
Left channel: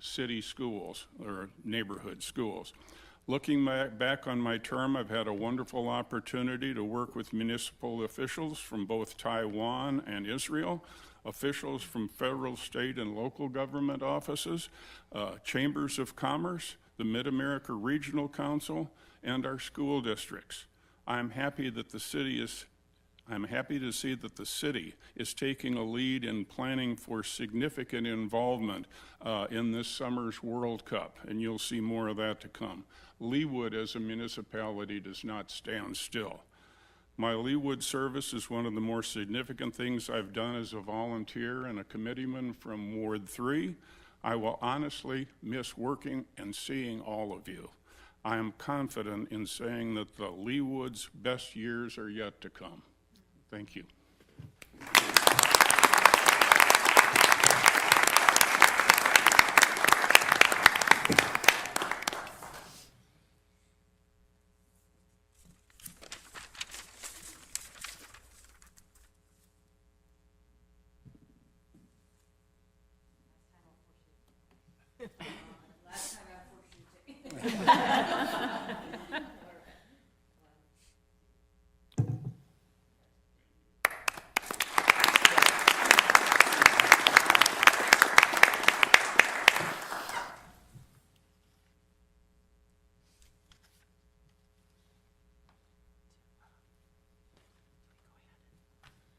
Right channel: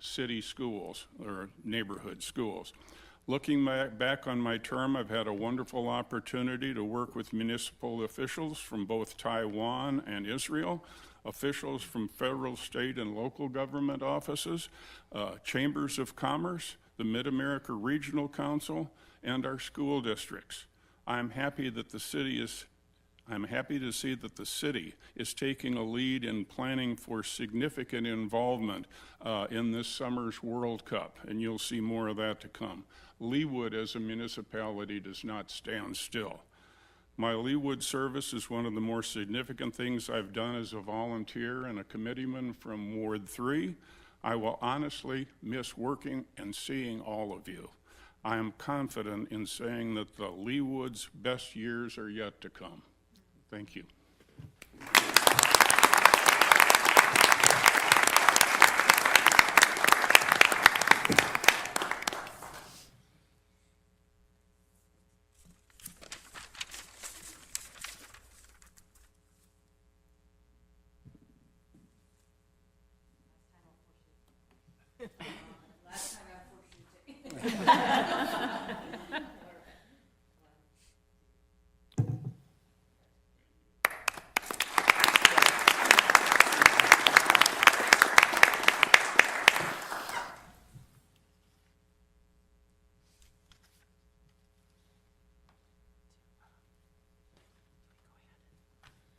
city schools or neighborhood schools. Looking back on my term, I've had a wonderful opportunity to work with municipal officials from both Taiwan and Israel, officials from federal, state, and local government offices, chambers of commerce, the Mid-America Regional Council, and our school districts. I'm happy that the city is I'm happy to see that the city is taking a lead in planning for significant involvement in this summer's World Cup, and you'll see more of that to come. Leawood as a municipality does not stand still. My Leawood service is one of the more significant things I've done as a volunteer and a committeeman from Ward 3. I will honestly miss working and seeing all of you. I am confident in saying that the Leawood's best years are yet to come. Thank you.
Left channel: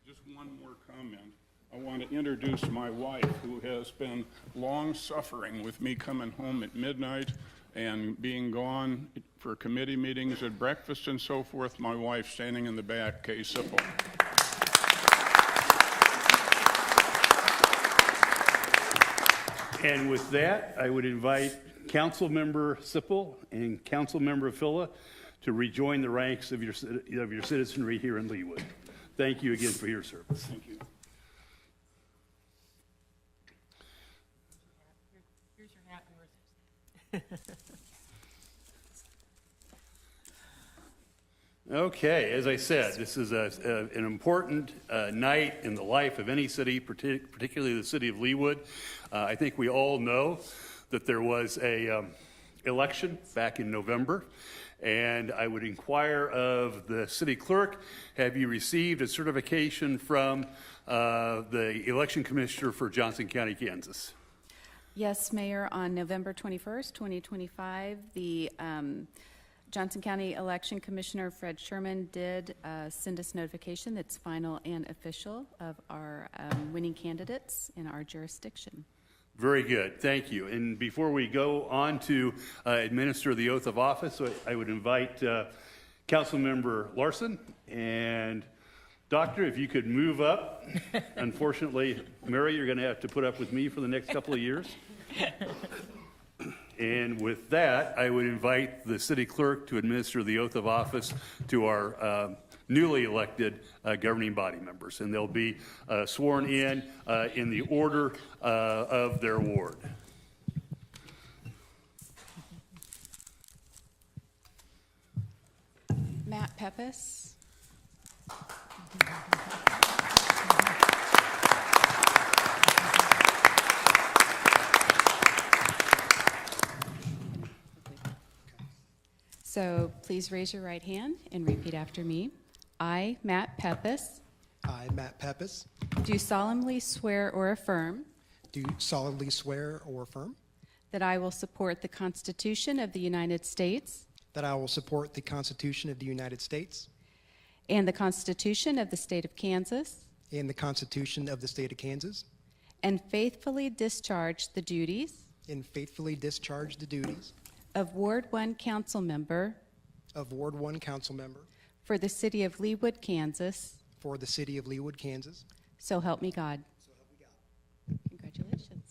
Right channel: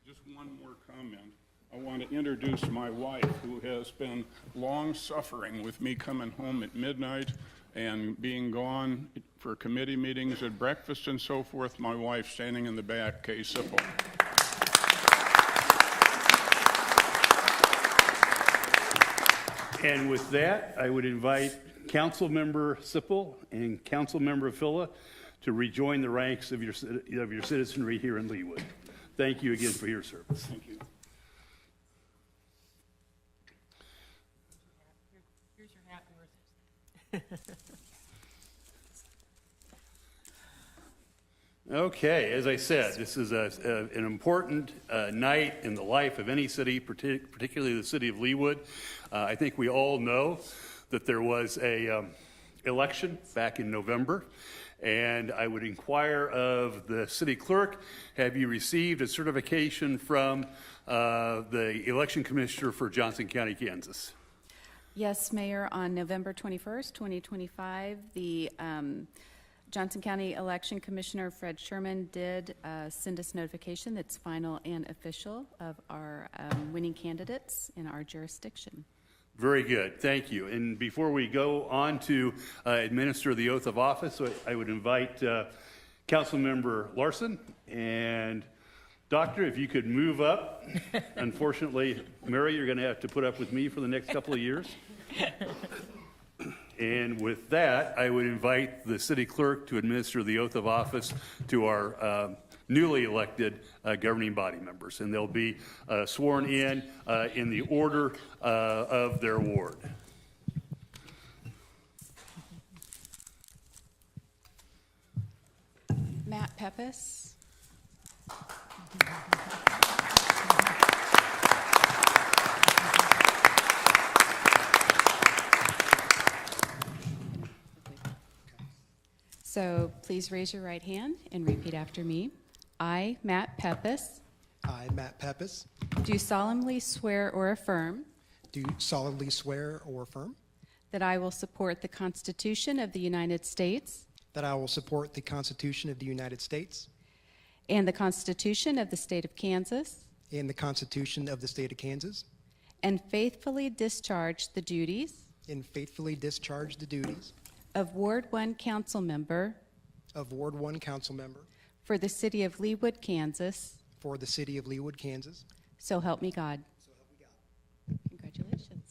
Just one more comment. I want to introduce my wife, who has been long suffering with me coming home at midnight and being gone for committee meetings at breakfast and so forth. My wife standing in the back, Kay Sipple. And with that, I would invite Councilmember Sipple and Councilmember Filla to rejoin the ranks of your citizenry here in Leawood. Thank you again for your service. Thank you. Here's your hat. Okay, as I said, this is an important night in the life of any city, particularly the city of Leawood. I think we all know that there was a election back in November, and I would inquire of the city clerk, have you received a certification from the election commissioner for Johnson County, Kansas? Yes, Mayor, on November 21st, 2025, the Johnson County Election Commissioner Fred Sherman did send us notification that's final and official of our winning candidates in our jurisdiction. Very good, thank you. And before we go on to administer the oath of office, I would invite Councilmember Larson and Doctor, if you could move up. Unfortunately, Mary, you're going to have to put up with me for the next couple of years. And with that, I would invite the city clerk to administer the oath of office to our newly elected governing body members. And they'll be sworn in the order of their ward. Matt Pepis. So please raise your right hand and repeat after me. I, Matt Pepis, I, Matt Pepis, do solemnly swear or affirm do solemnly swear or affirm that I will support the Constitution of the United States that I will support the Constitution of the United States and the Constitution of the State of Kansas, and the Constitution of the State of Kansas, and faithfully discharge the duties and faithfully discharge the duties of Ward 1 Council Member of Ward 1 Council Member for the City of Leawood, Kansas. for the City of Leawood, Kansas. So help me God. Congratulations.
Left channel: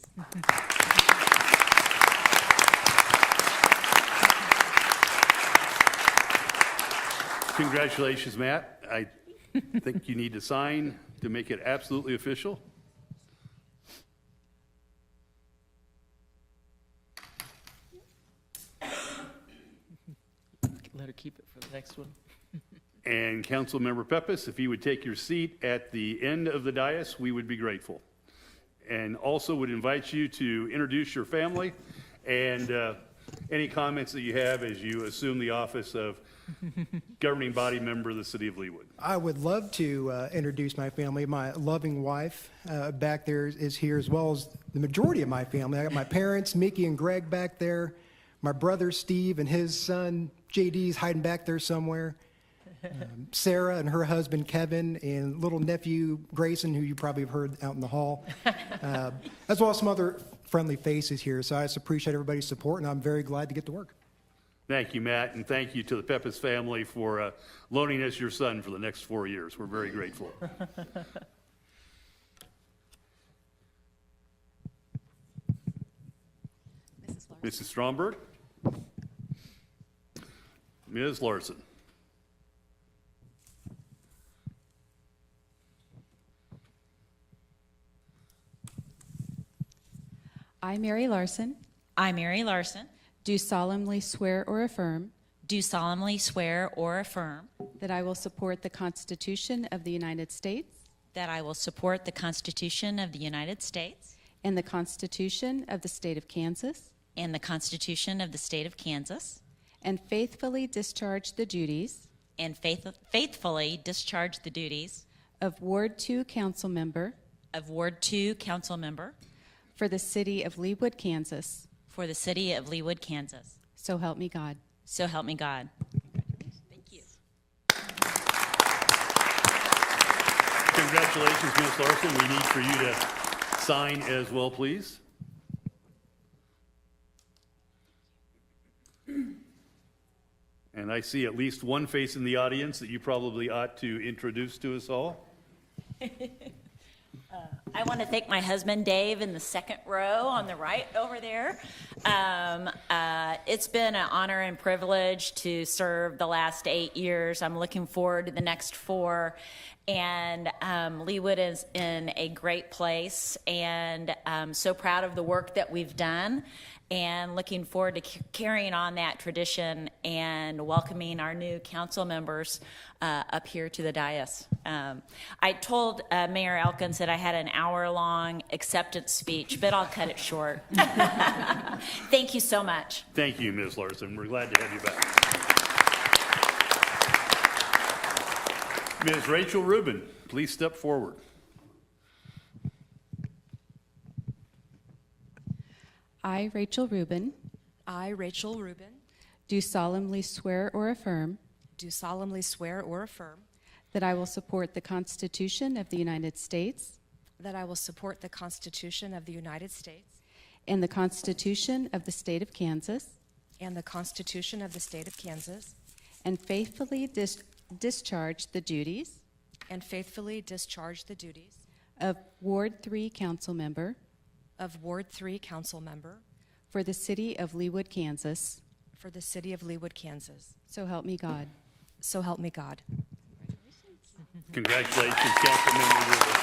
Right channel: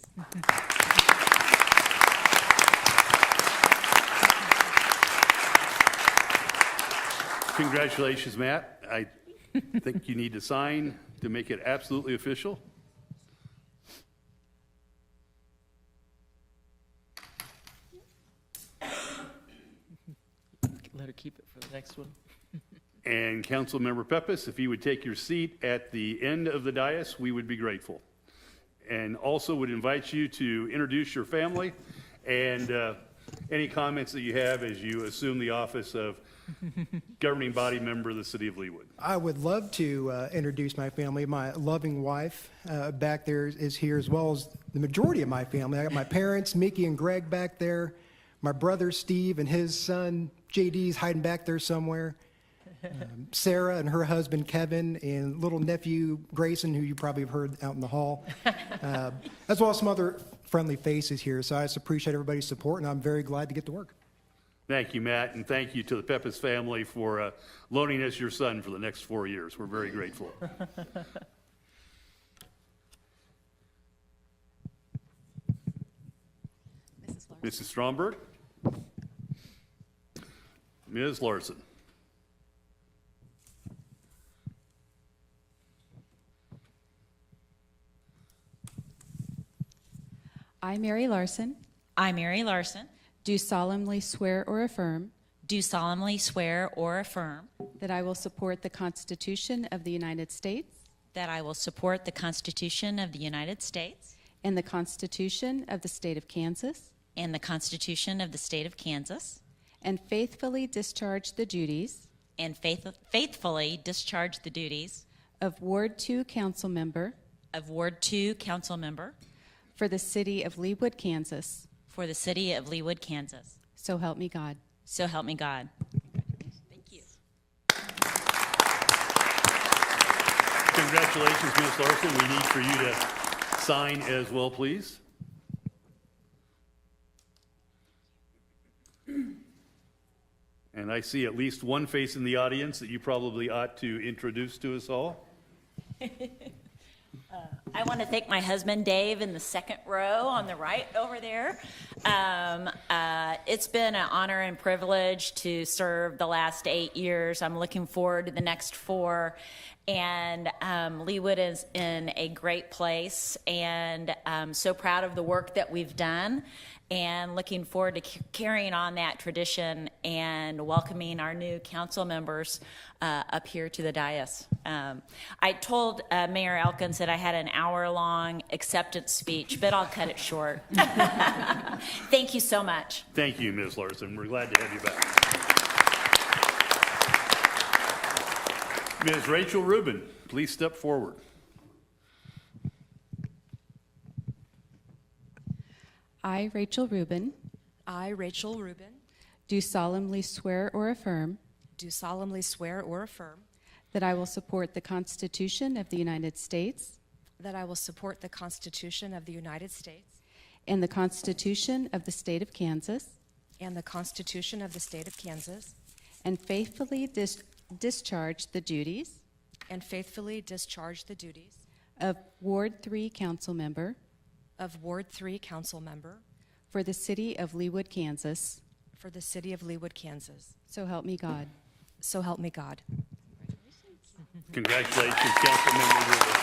Congratulations, Matt. I think you need to sign to make it absolutely official. Let her keep it for the next one. And Councilmember Pepis, if you would take your seat at the end of the dais, we would be grateful. And also would invite you to introduce your family and any comments that you have as you assume the office of governing body member of the City of Leawood. I would love to introduce my family. My loving wife back there is here, as well as the majority of my family. I got my parents, Mickey and Greg, back there. My brother Steve and his son JD is hiding back there somewhere. Sarah and her husband Kevin, and little nephew Grayson, who you probably have heard out in the hall, as well as some other friendly faces here. So I just appreciate everybody's support, and I'm very glad to get to work. Thank you, Matt, and thank you to the Pepis family for loaning us your son for the next 4 years. We're very grateful. Mrs. Stromberg? Ms. Larson? I, Mary Larson, I, Mary Larson, do solemnly swear or affirm do solemnly swear or affirm that I will support the Constitution of the United States that I will support the Constitution of the United States and the Constitution of the State of Kansas, and the Constitution of the State of Kansas, and faithfully discharge the duties and faithfully discharge the duties of Ward 2 Council Member of Ward 2 Council Member for the City of Leawood, Kansas. for the City of Leawood, Kansas. So help me God. So help me God. Thank you. Congratulations, Ms. Larson. We need for you to sign as well, please. And I see at least one face in the audience that you probably ought to introduce to us all. I want to thank my husband, Dave, in the second row on the right over there. It's been an honor and privilege to serve the last 8 years. I'm looking forward to the next 4. And Leawood is in a great place, and I'm so proud of the work that we've done, and looking forward to carrying on that tradition and welcoming our new council members up here to the dais. I told Mayor Elkins that I had an hour-long acceptance speech, but I'll cut it short. Thank you so much. Thank you, Ms. Larson. We're glad to have you back. Ms. Rachel Rubin, please step forward. I, Rachel Rubin, I, Rachel Rubin, do solemnly swear or affirm do solemnly swear or affirm that I will support the Constitution of the United States that I will support the Constitution of the United States and the Constitution of the State of Kansas, and the Constitution of the State of Kansas, and faithfully discharge the duties and faithfully discharge the duties of Ward 3 Council Member of Ward 3 Council Member for the City of Leawood, Kansas. for the City of Leawood, Kansas. So help me God. So help me God. Congratulations, Councilmember Rubin.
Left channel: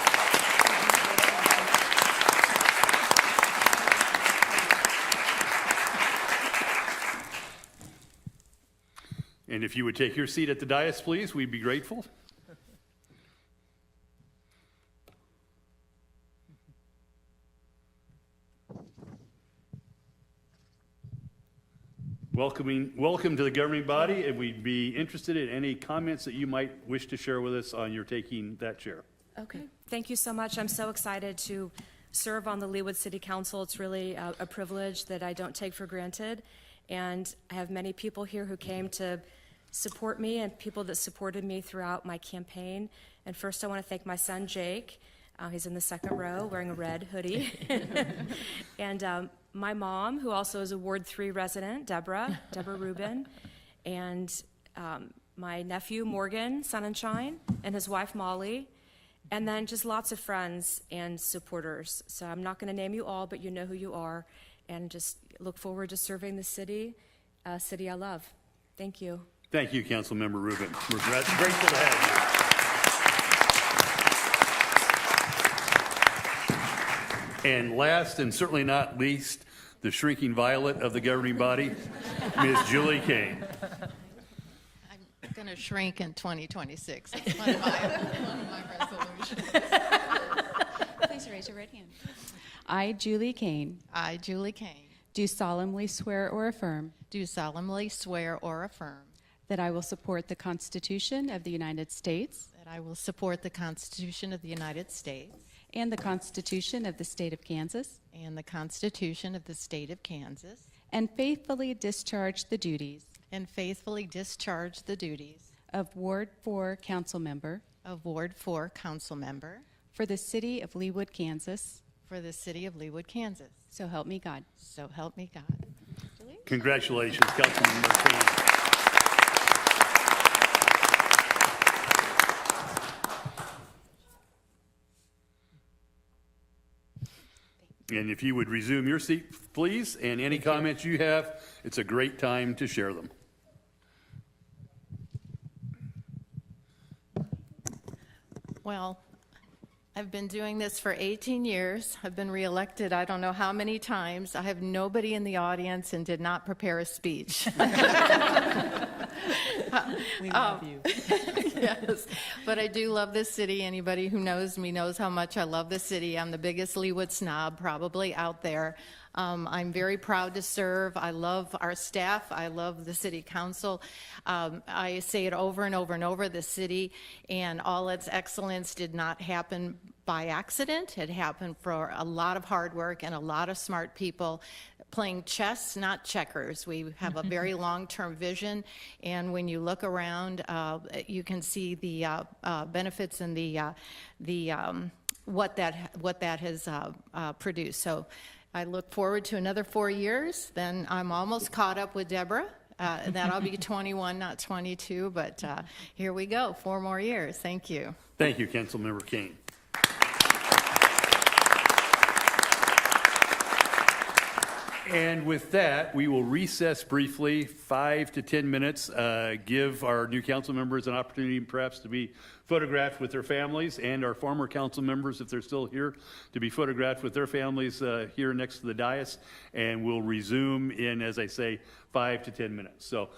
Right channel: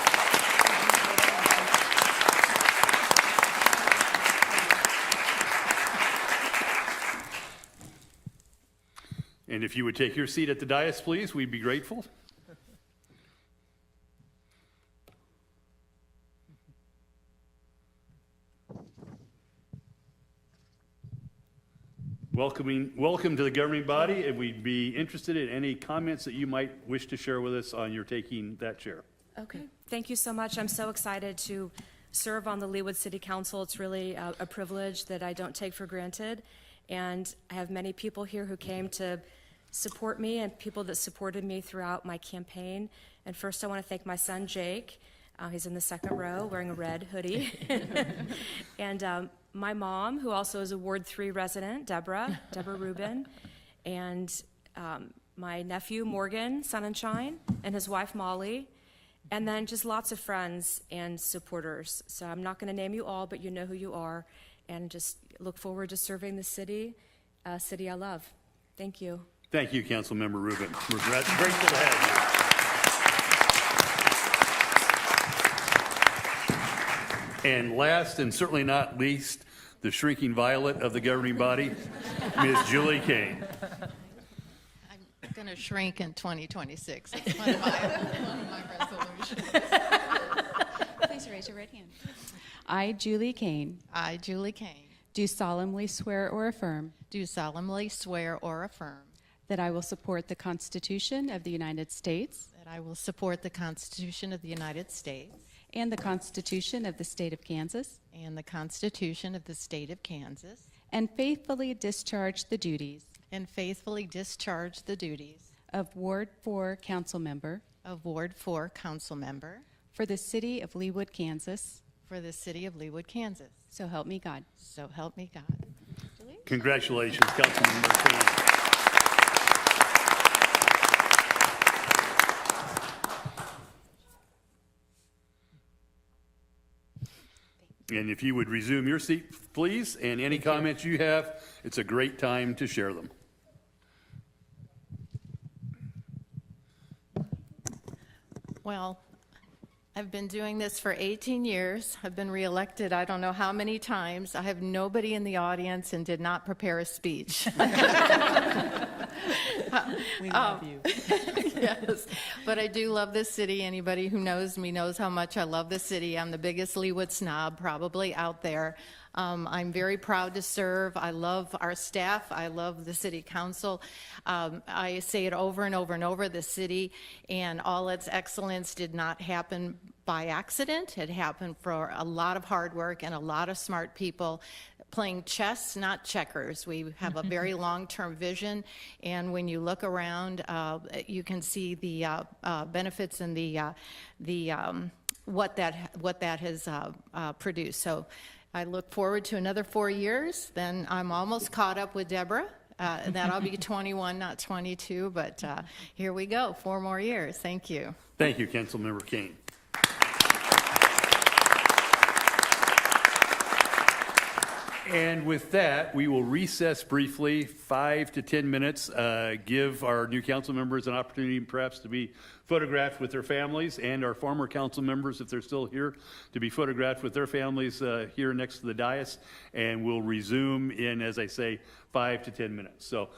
And if you would take your seat at the dais, please, we'd be grateful. Welcome to the governing body, and we'd be interested in any comments that you might wish to share with us on your taking that chair. Okay. Thank you so much. I'm so excited to serve on the Leawood City Council. It's really a privilege that I don't take for granted. And I have many people here who came to support me and people that supported me throughout my campaign. And first, I want to thank my son, Jake. He's in the second row wearing a red hoodie. And my mom, who also is a Ward 3 resident, Deborah Rubin. And my nephew, Morgan Sunshine, and his wife, Molly. And then just lots of friends and supporters. So I'm not going to name you all, but you know who you are. And just look forward to serving the city I love. Thank you. Thank you, Councilmember Rubin. We're grateful to have you. And last and certainly not least, the shrinking violet of the governing body, Ms. Julie Kane. I'm going to shrink in 2026. It's one of my resolutions. Please raise your right hand. I, Julie Kane, I, Julie Kane, do solemnly swear or affirm do solemnly swear or affirm that I will support the Constitution of the United States that I will support the Constitution of the United States and the Constitution of the State of Kansas, and the Constitution of the State of Kansas, and faithfully discharge the duties and faithfully discharge the duties of Ward 4 Council Member of Ward 4 Council Member for the City of Leawood, Kansas. for the City of Leawood, Kansas. So help me God. So help me God. Congratulations, Councilmember Kane. And if you would resume your seat, please, and any comments you have, it's a great time to share them. Well, I've been doing this for 18 years. I've been reelected I don't know how many times. I have nobody in the audience and did not prepare a speech. We love you. Yes, but I do love this city. Anybody who knows me knows how much I love the city. I'm the biggest Leawood snob probably out there. I'm very proud to serve. I love our staff. I love the city council. I say it over and over and over, the city and all its excellence did not happen by accident. It happened for a lot of hard work and a lot of smart people playing chess, not checkers. We have a very long-term vision, and when you look around, you can see the benefits and the what that has produced. So I look forward to another 4 years. Then I'm almost caught up with Deborah. That'll be 21, not 22, but here we go, 4 more years. Thank you. Thank you, Councilmember Kane. And with that, we will recess briefly, 5 to 10 minutes, give our new council members an opportunity perhaps to be photographed with their families, and our former council members, if they're still here, to be photographed with their families here next to the dais. And we'll resume in, as I say, 5 to 10 minutes. So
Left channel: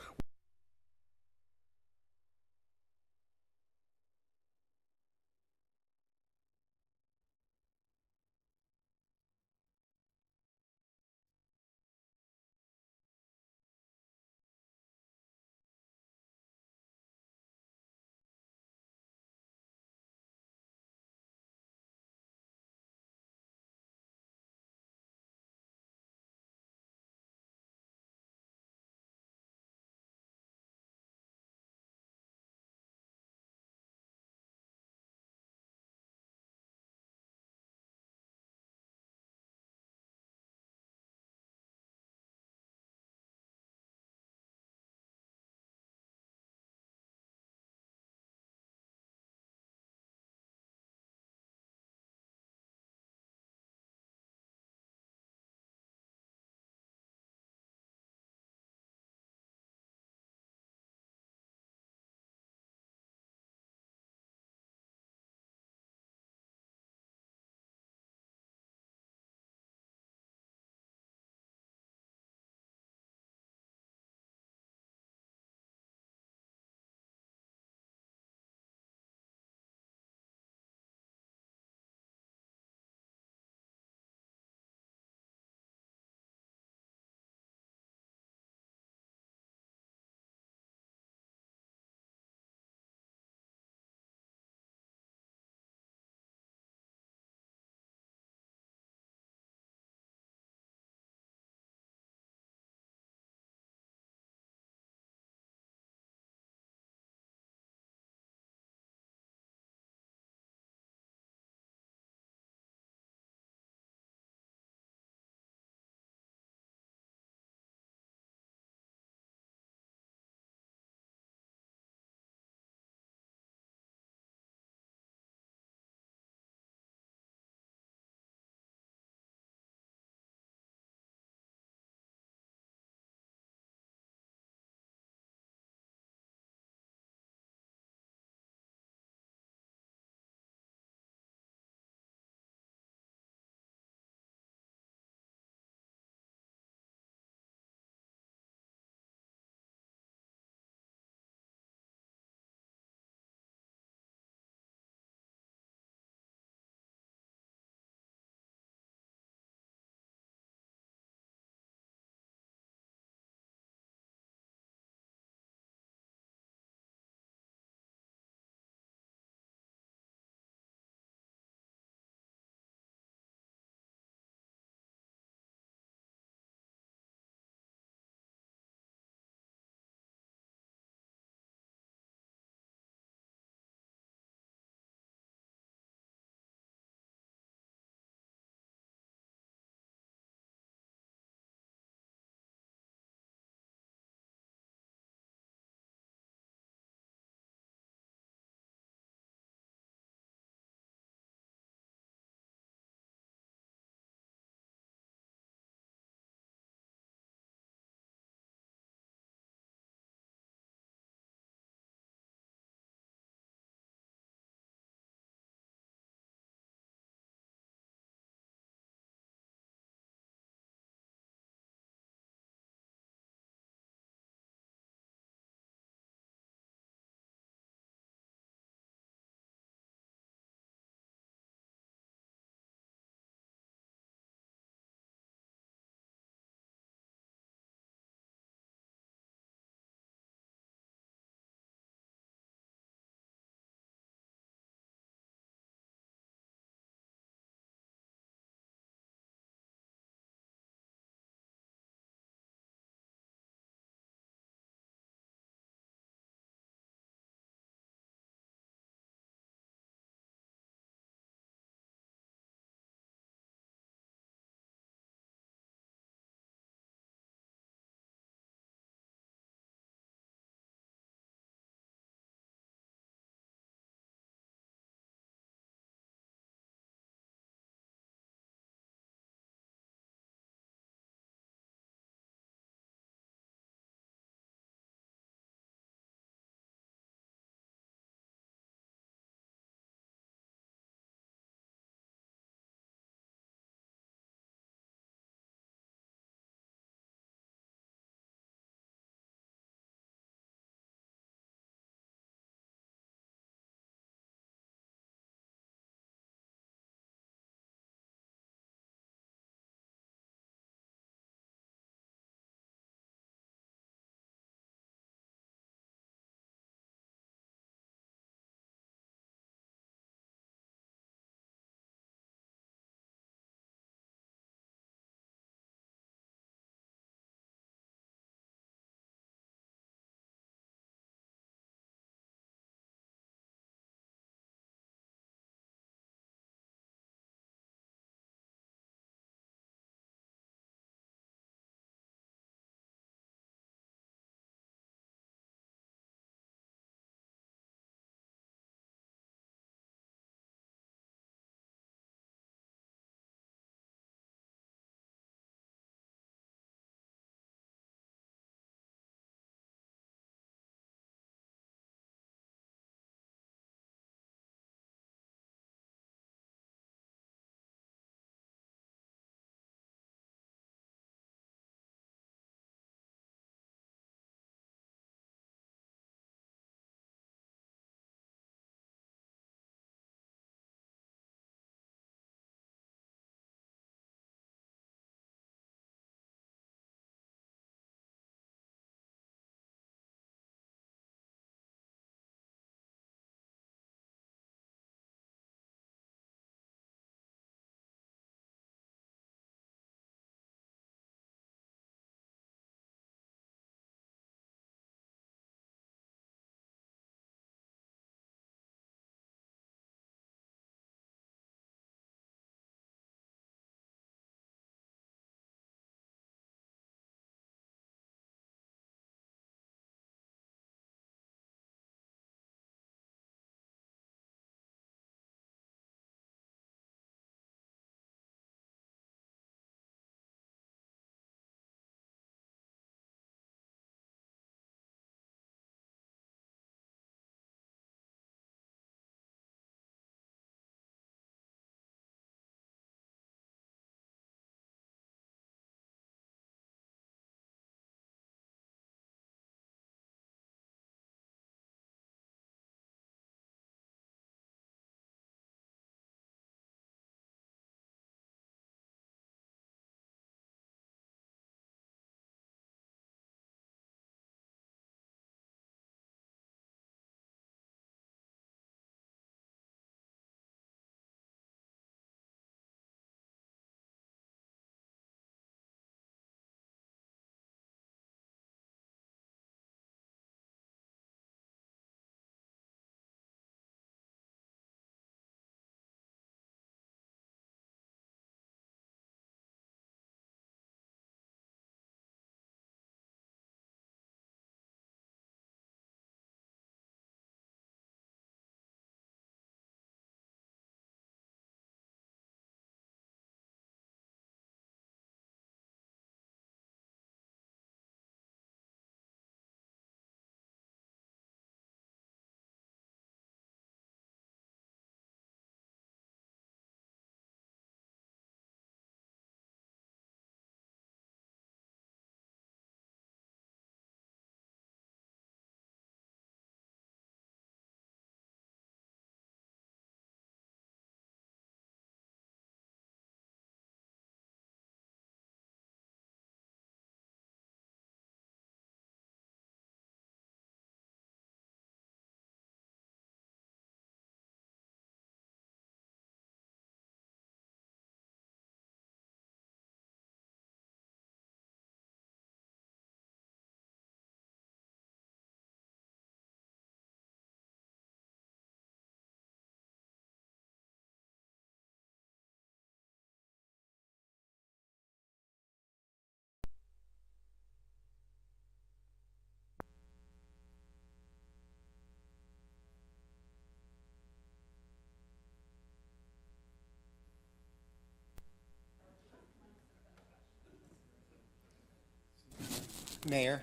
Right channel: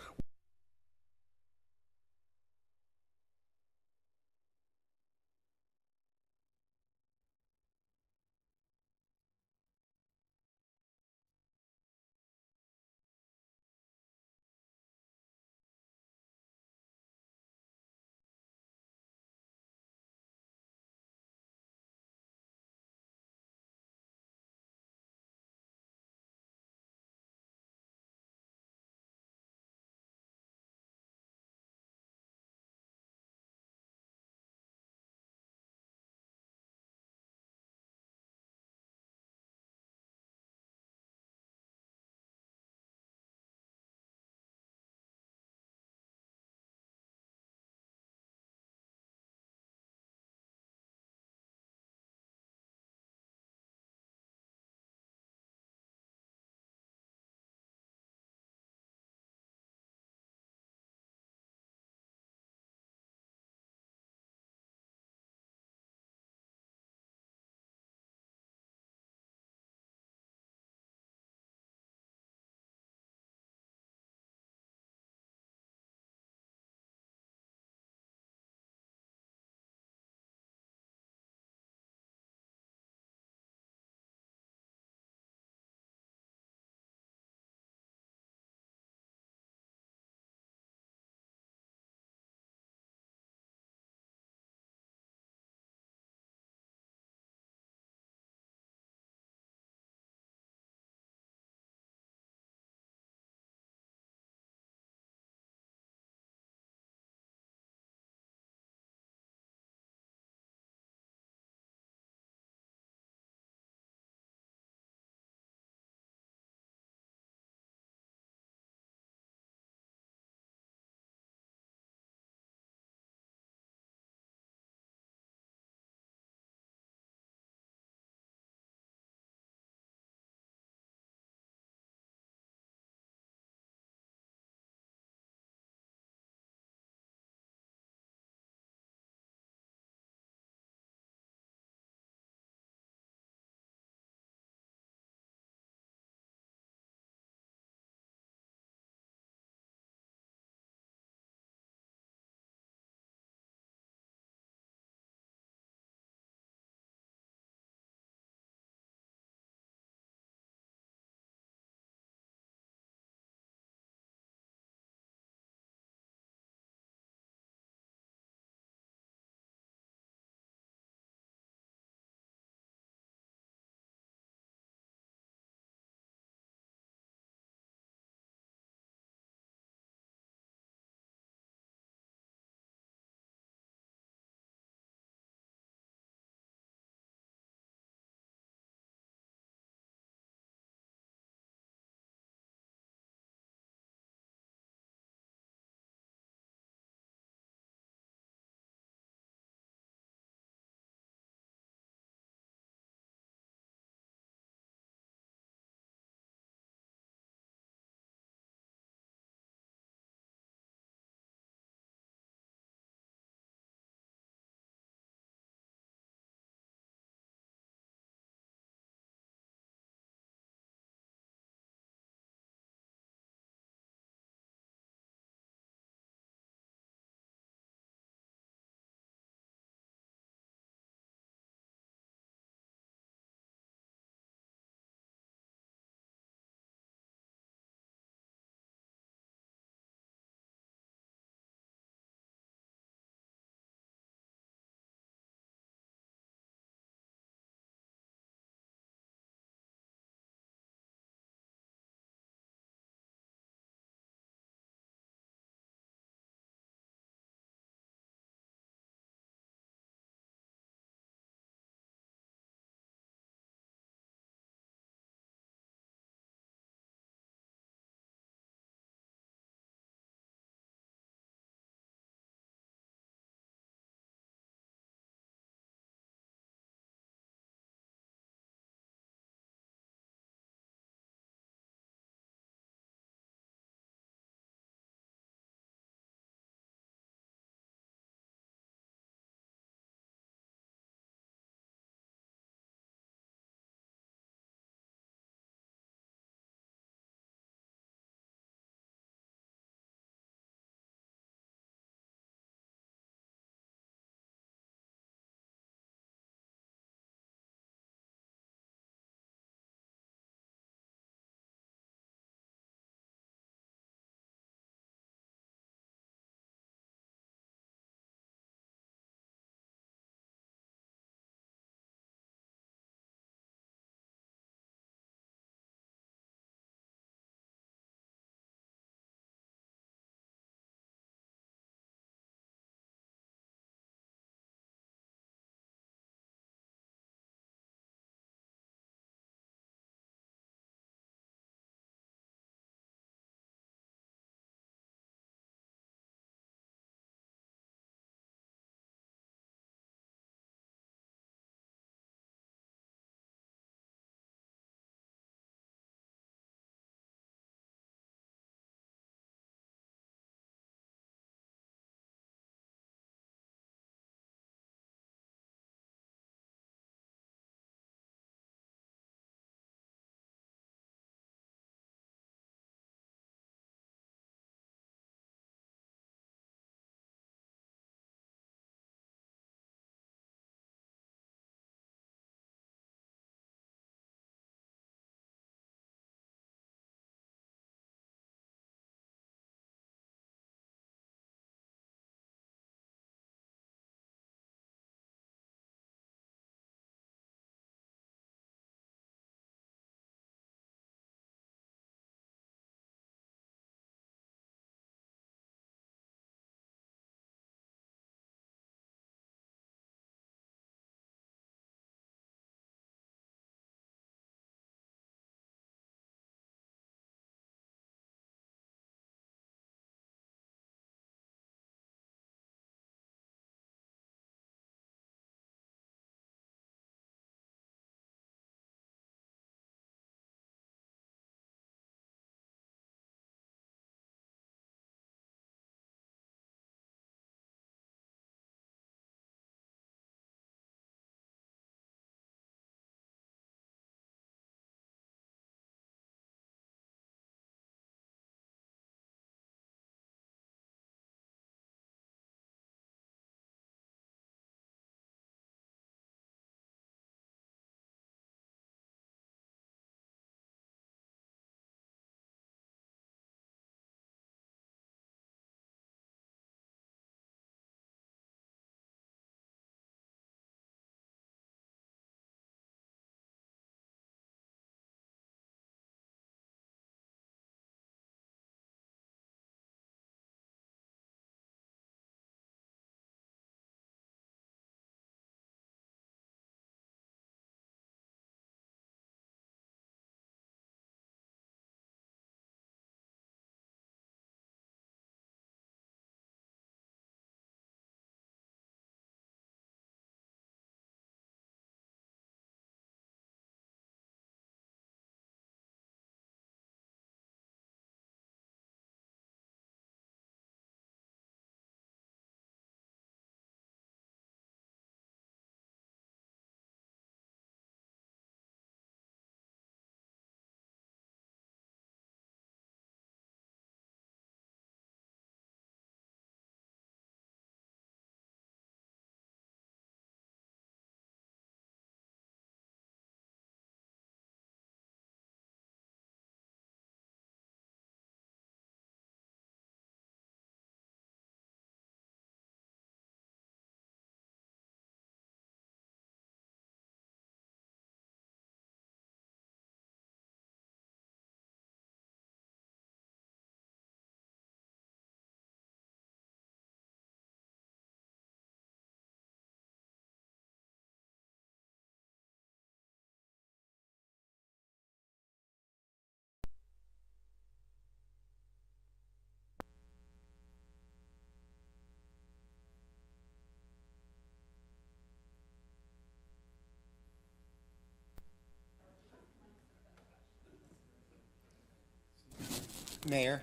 Mayor.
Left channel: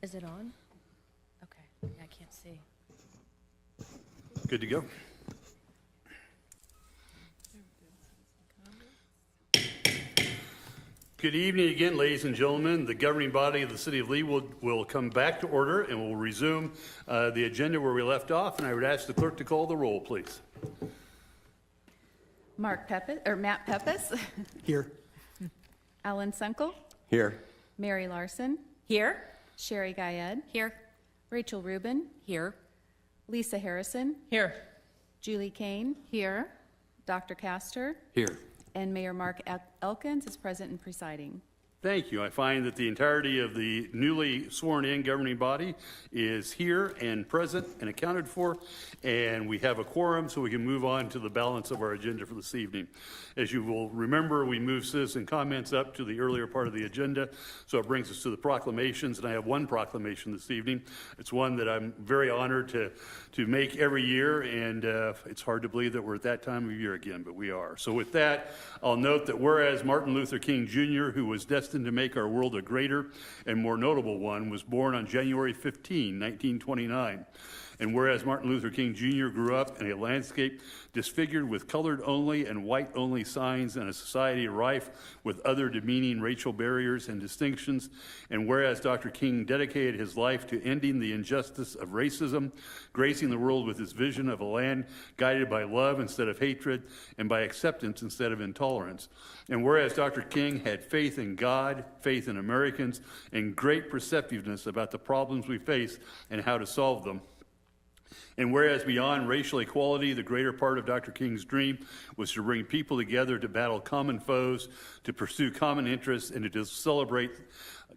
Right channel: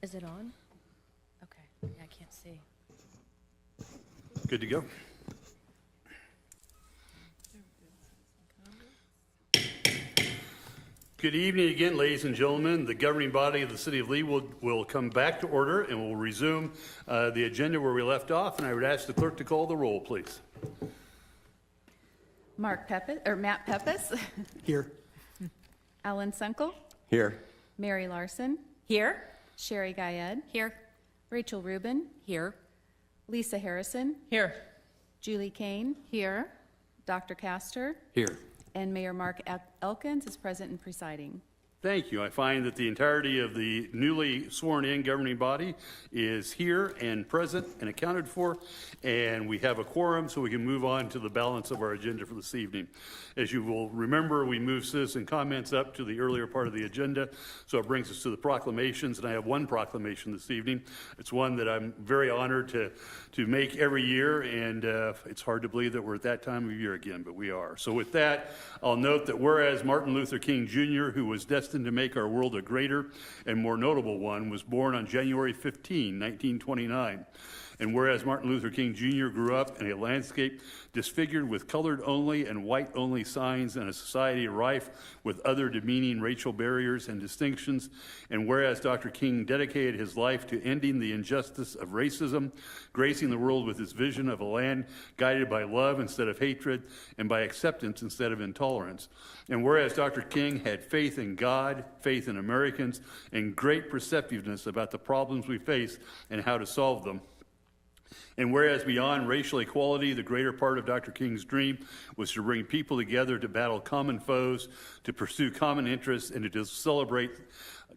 Is it on? Okay, yeah, I can't see. Good to go. Good evening again, ladies and gentlemen. The governing body of the City of Leawood will come back to order and will resume the agenda where we left off. And I would ask the clerk to call the roll, please. Matt Peppis. Here. Alan Sunkel. Here. Mary Larson. Here. Sherry Guyed. Here. Rachel Rubin. Here. Lisa Harrison. Here. Julie Kane. Here. Dr. Castor. Here. And Mayor Mark Elkins is present and presiding. Thank you. I find that the entirety of the newly sworn-in governing body is here and present and accounted for, and we have a quorum, so we can move on to the balance of our agenda for this evening. As you will remember, we moved citizen comments up to the earlier part of the agenda, so it brings us to the proclamations, and I have one proclamation this evening. It's one that I'm very honored to make every year, and it's hard to believe that we're at that time of year again, but we are. So with that, I'll note that whereas Martin Luther King Jr., who was destined to make our world a greater and more notable one, was born on January 15, 1929. And whereas Martin Luther King Jr. grew up in a landscape disfigured with colored only and white only signs in a society rife with other demeaning racial barriers and distinctions, and whereas Dr. King dedicated his life to ending the injustice of racism, gracing the world with his vision of a land guided by love instead of hatred and by acceptance instead of intolerance, and whereas Dr. King had faith in God, faith in Americans, and great perceptiveness about the problems we face and how to solve them, and whereas beyond racial equality, the greater part of Dr. King's dream was to bring people together to battle common foes, to pursue common interests, and to celebrate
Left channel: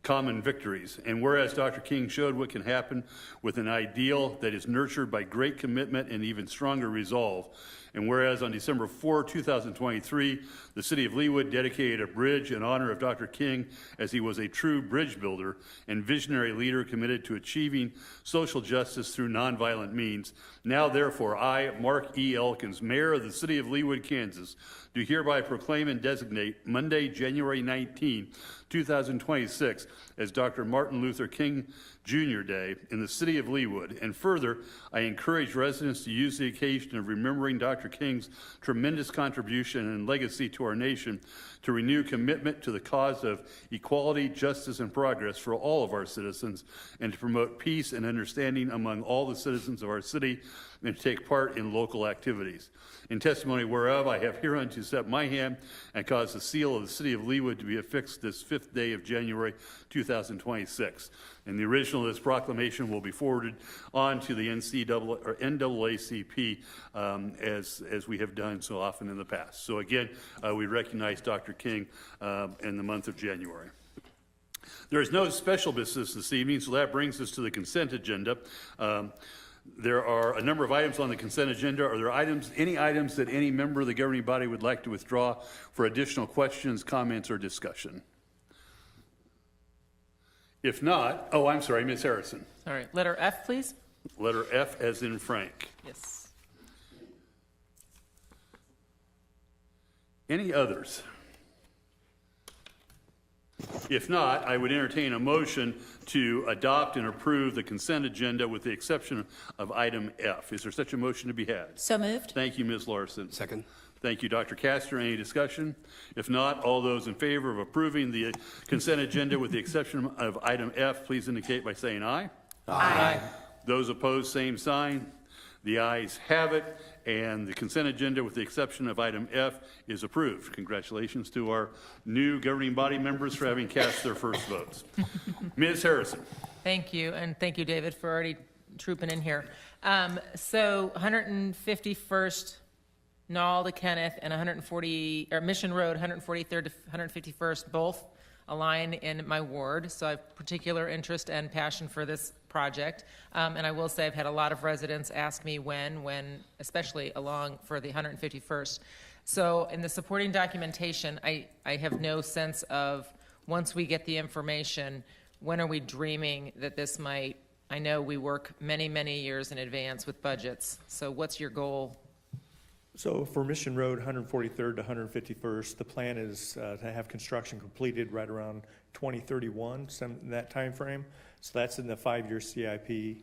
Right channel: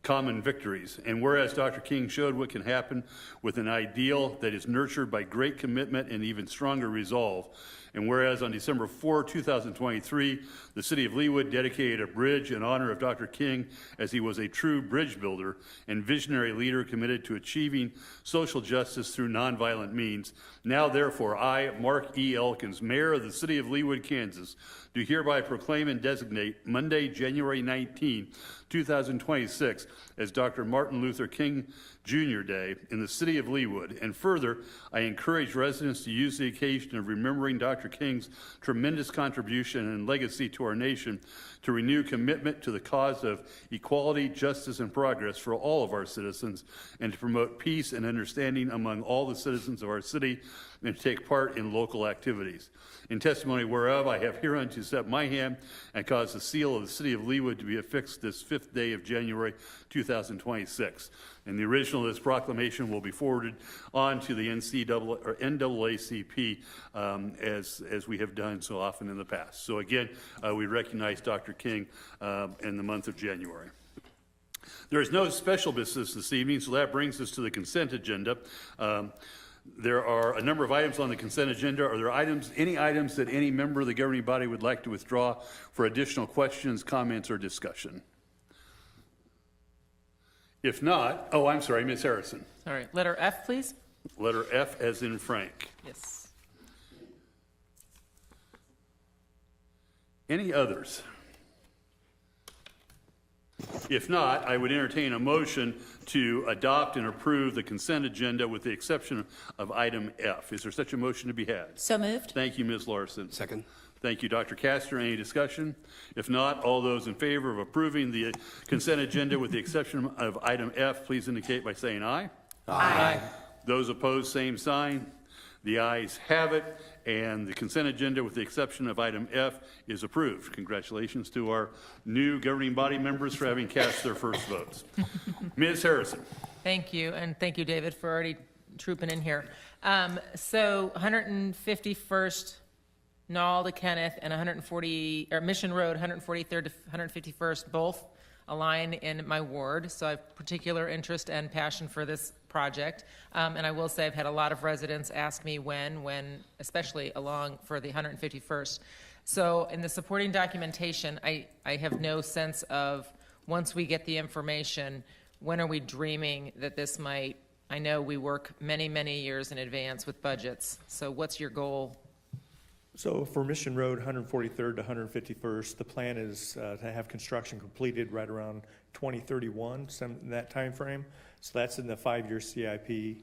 common victories. And whereas Dr. King showed what can happen with an ideal that is nurtured by great commitment and even stronger resolve, and whereas on December 4, 2023, the City of Leawood dedicated a bridge in honor of Dr. King as he was a true bridge builder and visionary leader committed to achieving social justice through nonviolent means. Now, therefore, I, Mark E. Elkins, Mayor of the City of Leawood, Kansas, do hereby proclaim and designate Monday, January 19, 2026, as Dr. Martin Luther King Jr. Day in the City of Leawood. And further, I encourage residents to use the occasion of remembering Dr. King's tremendous contribution and legacy to our nation to renew commitment to the cause of equality, justice, and progress for all of our citizens, and to promote peace and understanding among all the citizens of our city, and to take part in local activities. In testimony whereof, I have hereunto set my hand and caused the seal of the City of Leawood to be affixed this 5th day of January 2026. And the original of this proclamation will be forwarded on to the NAACP as we have done so often in the past. So again, we recognize Dr. King in the month of January. There is no special business this evening, so that brings us to the consent agenda. There are a number of items on the consent agenda. Are there any items that any member of the governing body would like to withdraw for additional questions, comments, or discussion? If not, oh, I'm sorry, Ms. Harrison. All right, letter F, please. Letter F as in Frank. Yes. Any others? If not, I would entertain a motion to adopt and approve the consent agenda with the exception of item F. Is there such a motion to be had? So moved. Thank you, Ms. Larson. Second. Thank you, Dr. Castor. Any discussion? If not, all those in favor of approving the consent agenda with the exception of item F, please indicate by saying aye. Aye. Those opposed, same sign. The ayes have it, and the consent agenda with the exception of item F is approved. Congratulations to our new governing body members for having cast their first votes. Ms. Harrison. Thank you, and thank you, David, for already trooping in here. So 151st Knoll to Kenneth and Mission Road, 143rd to 151st, both align in my ward. So I have particular interest and passion for this project. And I will say I've had a lot of residents ask me when, especially along for the 151st. So in the supporting documentation, I have no sense of, once we get the information, when are we dreaming that this might, I know we work many, many years in advance with budgets, so what's your goal? So for Mission Road, 143rd to 151st, the plan is to have construction completed right around 2031, that time frame. So that's in the 5-year CIP.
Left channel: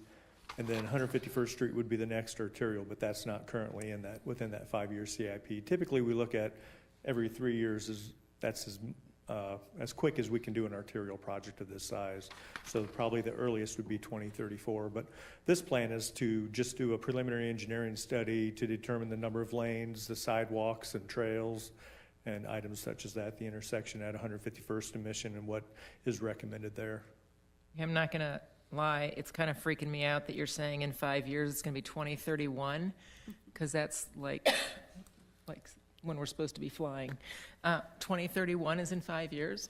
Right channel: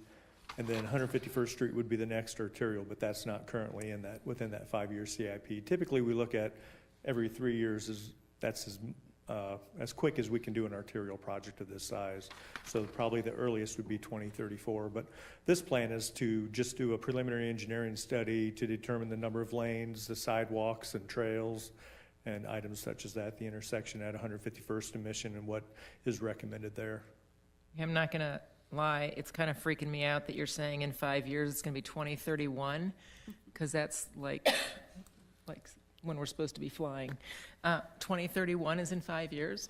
And then 151st Street would be the next arterial, but that's not currently within that 5-year CIP. Typically, we look at every 3 years. That's as quick as we can do an arterial project of this size. So probably the earliest would be 2034. But this plan is to just do a preliminary engineering study to determine the number of lanes, the sidewalks and trails, and items such as that, the intersection at 151st and Mission and what is recommended there. I'm not going to lie, it's kind of freaking me out that you're saying in 5 years it's going to be 2031, because that's like when we're supposed to be flying. 2031 is in 5 years.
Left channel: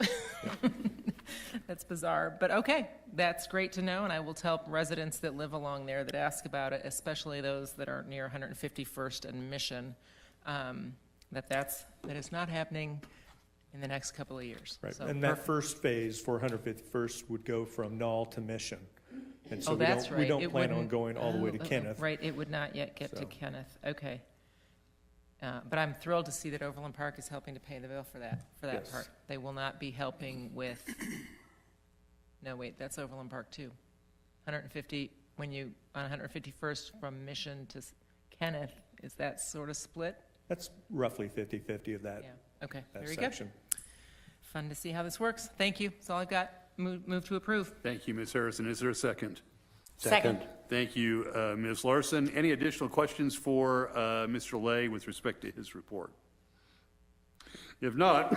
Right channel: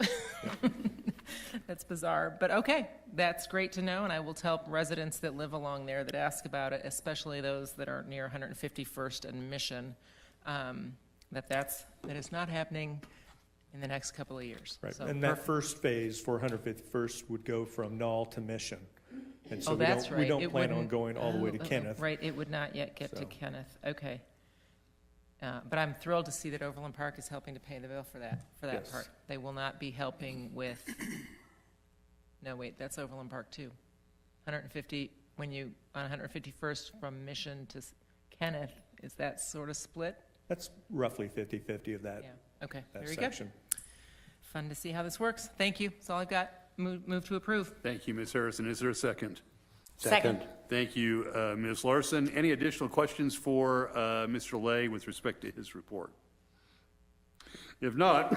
That's bizarre, but okay, that's great to know, and I will tell residents that live along there that ask about it, especially those that are near 151st and Mission, that is not happening in the next couple of years. Right, So and that first phase for 151st would go from Knoll to Mission. And so that's right. we don't It plan on wouldn't- going all the way to Kenneth. Right, it would not yet get to Kenneth. Okay. But I'm thrilled to see that Overland Park is helping to pay the bill for that Yes. part. They will not be helping with, no, wait, that's Overland Park too. 150, on 151st from Mission to Kenneth, is that sort of split? That's roughly 50-50 of that. Yeah, okay, that very section. good. Fun to see how this works. Thank you, that's all I've got. Move to approve. Thank you, Ms. Harrison. Is there a second? Second. Thank you, Ms. Larson. Any additional questions for Mr. Lay with respect to his report? If not,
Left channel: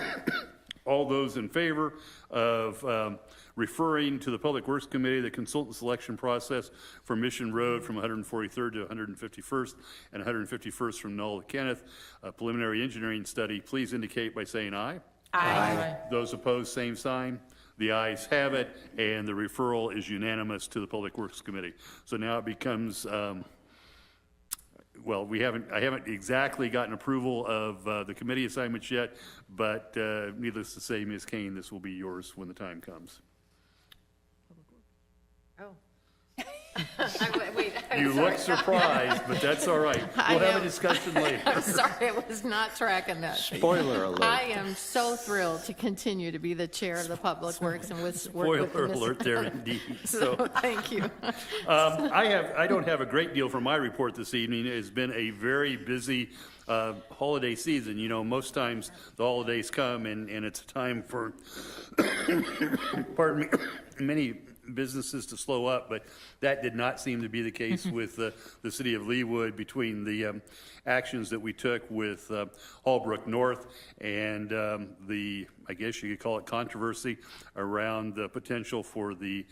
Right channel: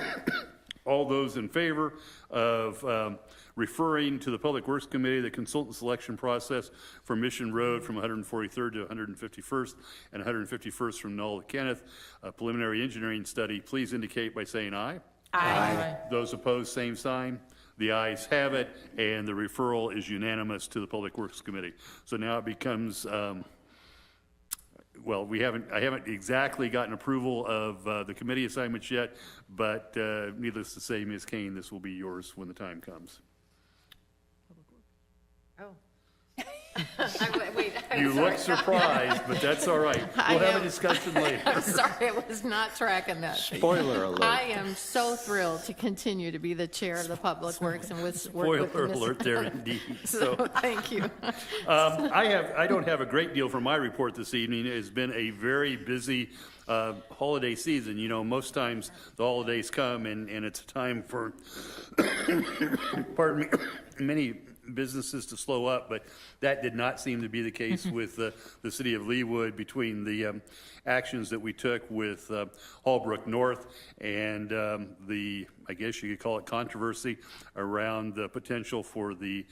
all those in favor of referring to the Public Works Committee the consultant selection process for Mission Road from 143rd to 151st and 151st from Knoll to Kenneth, a preliminary engineering study, please indicate by saying aye. Aye. Those opposed, same sign. The ayes have it, and the referral is unanimous to the Public Works Committee. So now it becomes, well, I haven't exactly gotten approval of the committee assignments yet, but needless to say, Ms. Kane, this will be yours when the time comes. Wait, You look surprised, but that's all right. We'll have a discussion later. I'm sorry, I was not tracking that. Spoiler alert. I am so thrilled to continue to be the chair of the Public Works and work with Spoiler the alert there indeed. So, thank you. I don't have a great deal for my report this evening. It's been a very busy holiday season. You know, most times the holidays come and it's a time for, pardon me, many businesses to slow up, but that did not seem to be the case with the city of Leawood between the actions that we took with Hallbrook North and the, I guess you could call it controversy around the potential for the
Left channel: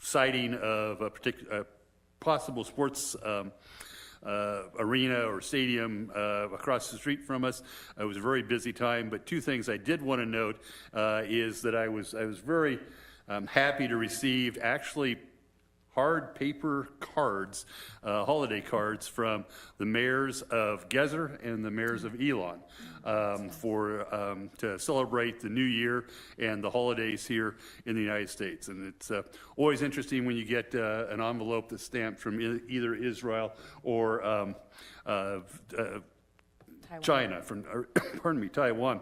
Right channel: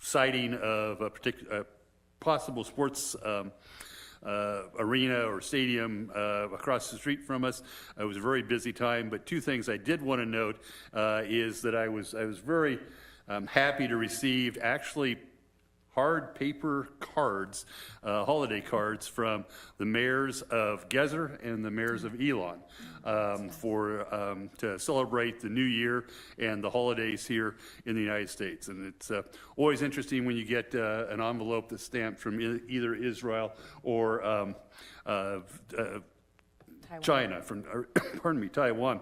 siting of a particular possible sports arena or stadium across the street from us. It was a very busy time, but two things I did want to note is that I was very happy to receive actually hard paper cards, holiday cards from the mayors of Gezer and the mayors of Elon to celebrate the new year and the holidays here in the United States. And it's always interesting when you get an envelope that's stamped from either Israel or China, Taiwan.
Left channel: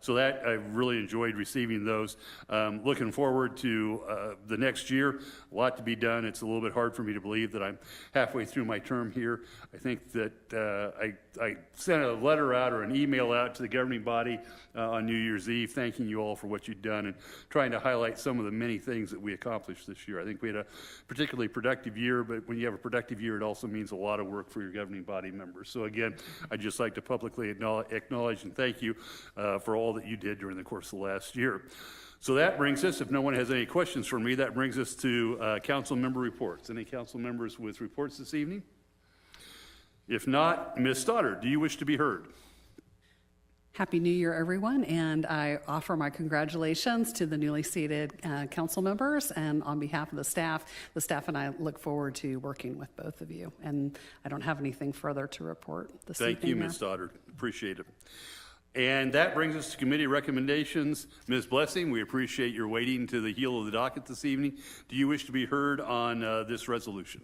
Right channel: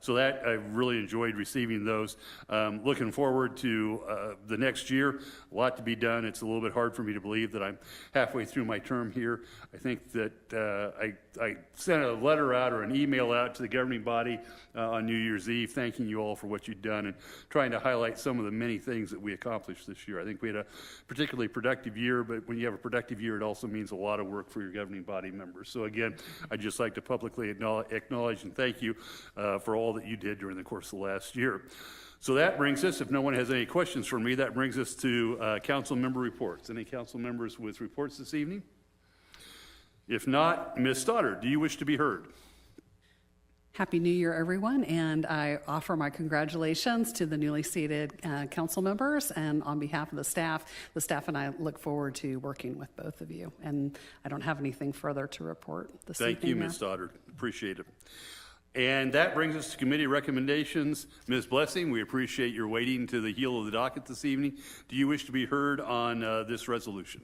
So that I really enjoyed receiving those. Looking forward to the next year. A lot to be done. It's a little bit hard for me to believe that I'm halfway through my term here. I think that I sent a letter out or an email out to the governing body on New Year's Eve, thanking you all for what you've done and trying to highlight some of the many things that we accomplished this year. I think we had a particularly productive year, but when you have a productive year, it also means a lot of work for your governing body members. So again, I'd just like to publicly acknowledge and thank you for all that you did during the course of the last year. So that brings us, if no one has any questions for me, that brings us to council member reports. Any council members with reports this evening? If not, Ms. Stoddard, do you wish to be heard? Happy New Year, everyone, and I offer my congratulations to the newly seated council members, and on behalf of the staff and I look forward to working with both of you, and I don't have anything further to report this evening. Thank you, Ms. Stoddard. Appreciate it. And that brings us to committee recommendations. Ms. Blessing, we appreciate your waiting to the heel of the docket this evening. Do you wish to be heard on this resolution?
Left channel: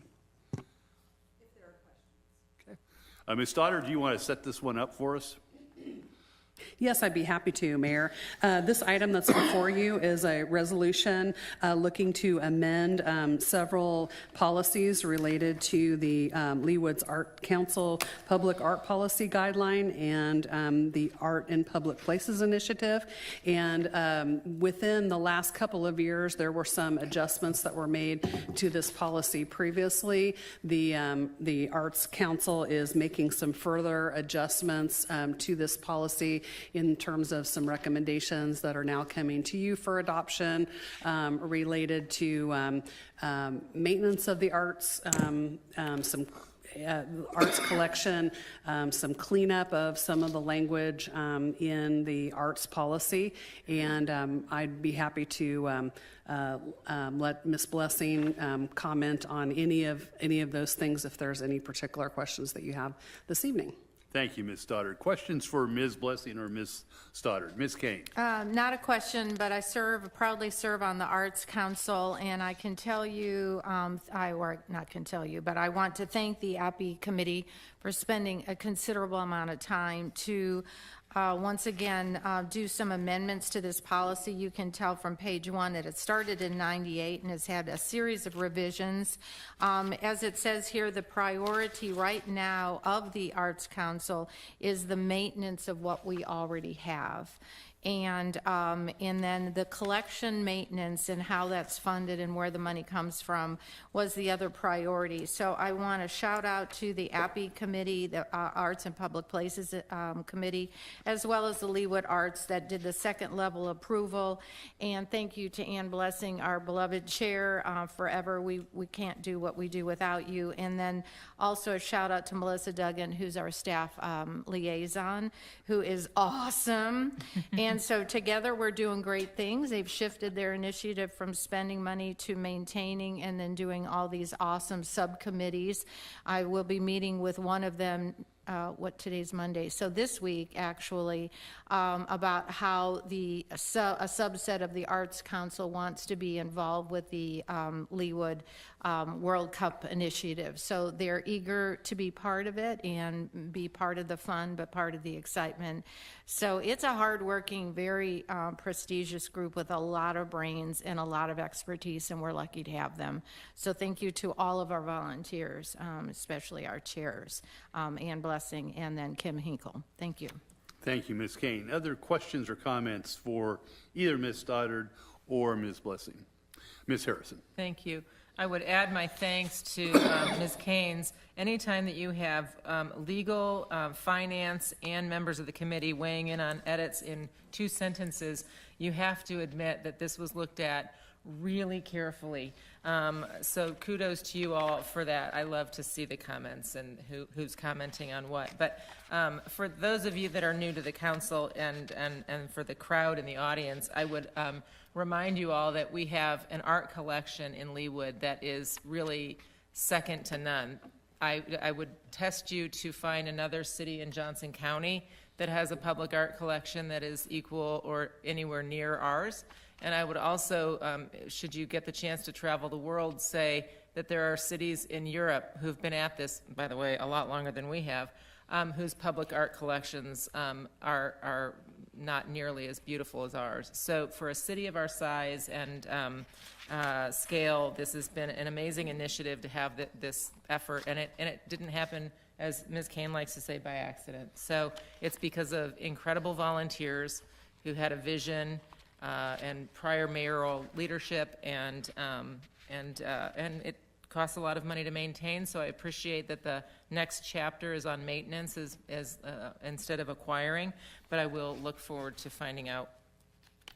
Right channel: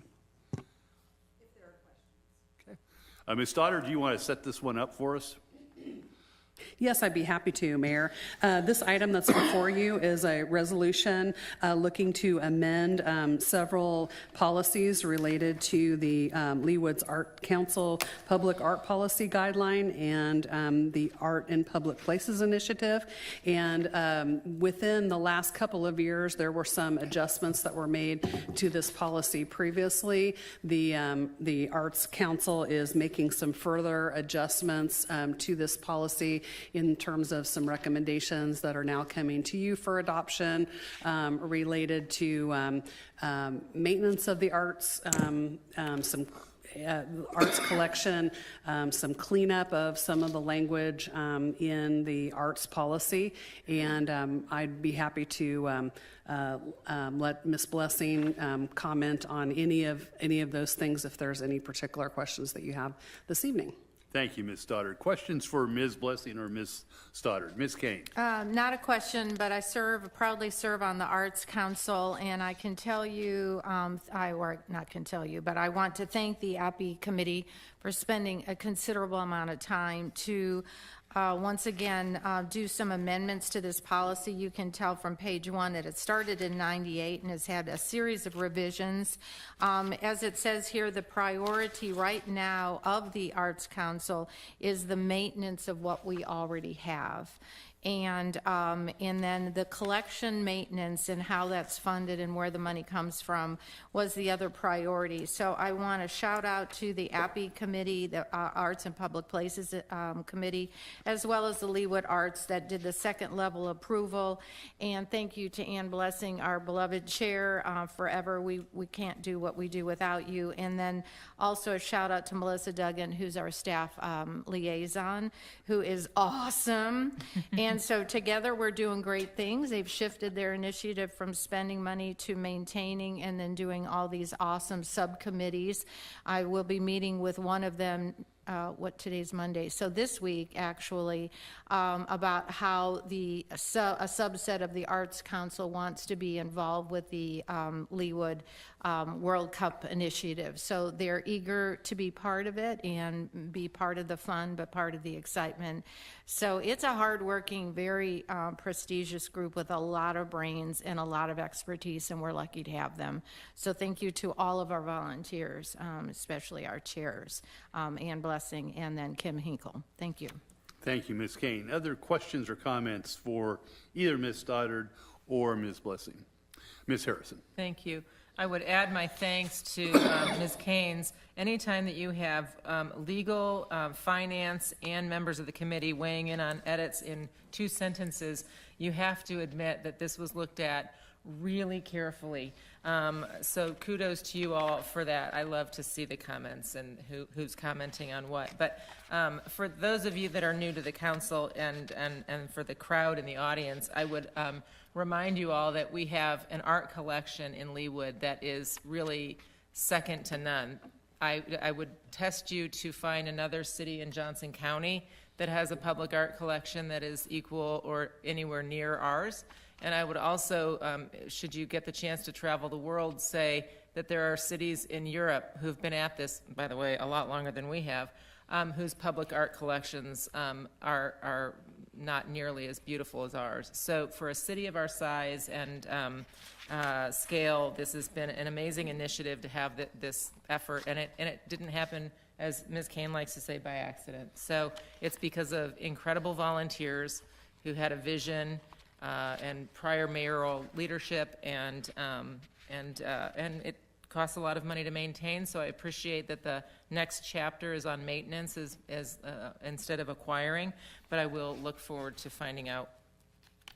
Ms. Stoddard, do you want to set this one up for us? Yes, I'd be happy to, Mayor. This item that's before you is a resolution looking to amend several policies related to the Leawood's Art Council Public Art Policy Guideline and the Art in Public Places Initiative. And within the last couple of years, there were some adjustments that were made to this policy previously. The Arts Council is making some further adjustments to this policy in terms of some recommendations that are now coming to you for adoption related to maintenance of the arts, some arts collection, some cleanup of some of the language in the arts policy, and I'd be happy to let Ms. Blessing comment on any of those things if there's any particular questions that you have this evening. Thank you, Ms. Stoddard. Questions for Ms. Blessing or Ms. Stoddard? Ms. Kane. Not a question, but I proudly serve on the Arts Council, and I can tell you, I want to thank the API Committee for spending a considerable amount of time to once again do some amendments to this policy. You can tell from page 1 that it started in '98 and has had a series of revisions. As it says here, the priority right now of the Arts Council is the maintenance of what we already have. And then the collection maintenance and how that's funded and where the money comes from was the other priority. So I want to shout out to the API Committee, the Arts and Public Places Committee, as well as the Leawood Arts that did the second level approval. And thank you to Ann Blessing, our beloved chair, forever. We can't do what we do without you. And then also a shout out to Melissa Duggan, who's our staff liaison, who is awesome. And so together we're doing great things. They've shifted their initiative from spending money to maintaining and then doing all these awesome subcommittees. I will be meeting with one of them, today's Monday. So this week, actually, about how a subset of the Arts Council wants to be involved with the Leawood World Cup initiative. So they're eager to be part of it and be part of the fun, but part of the excitement. So it's a hardworking, very prestigious group with a lot of brains and a lot of expertise, and we're lucky to have them. So thank you to all of our volunteers, especially our chairs, Ann Blessing and then Kim Hinkle. Thank you. Thank you, Ms. Kane. Other questions or comments for either Ms. Stoddard or Ms. Blessing? Ms. Harrison. Thank you. I would add my thanks to Ms. Keynes. Anytime that you have legal, finance, and members of the committee weighing in on edits in 2 sentences, you have to admit that this was looked at really carefully. So kudos to you all for that. I love to see the comments and who's commenting on what. But for those of you that are new to the council and for the crowd in the audience, I would remind you all that we have an art collection in Leawood that is really second to none. I would test you to find another city in Johnson County that has a public art collection that is equal or anywhere near ours. And I would also, should you get the chance to travel the world, say that there are cities in Europe who've been at this, by the way, a lot longer than we have, whose public art collections are not nearly as beautiful as ours. So for a city of our size and scale, this has been an amazing initiative to have this effort, and it didn't happen, as Ms. Kane likes to say, by accident. So it's because of incredible volunteers who had a vision and prior mayoral leadership, and it costs a lot of money to maintain. So I appreciate that the next chapter is on maintenance as instead of acquiring. But I will look forward to finding out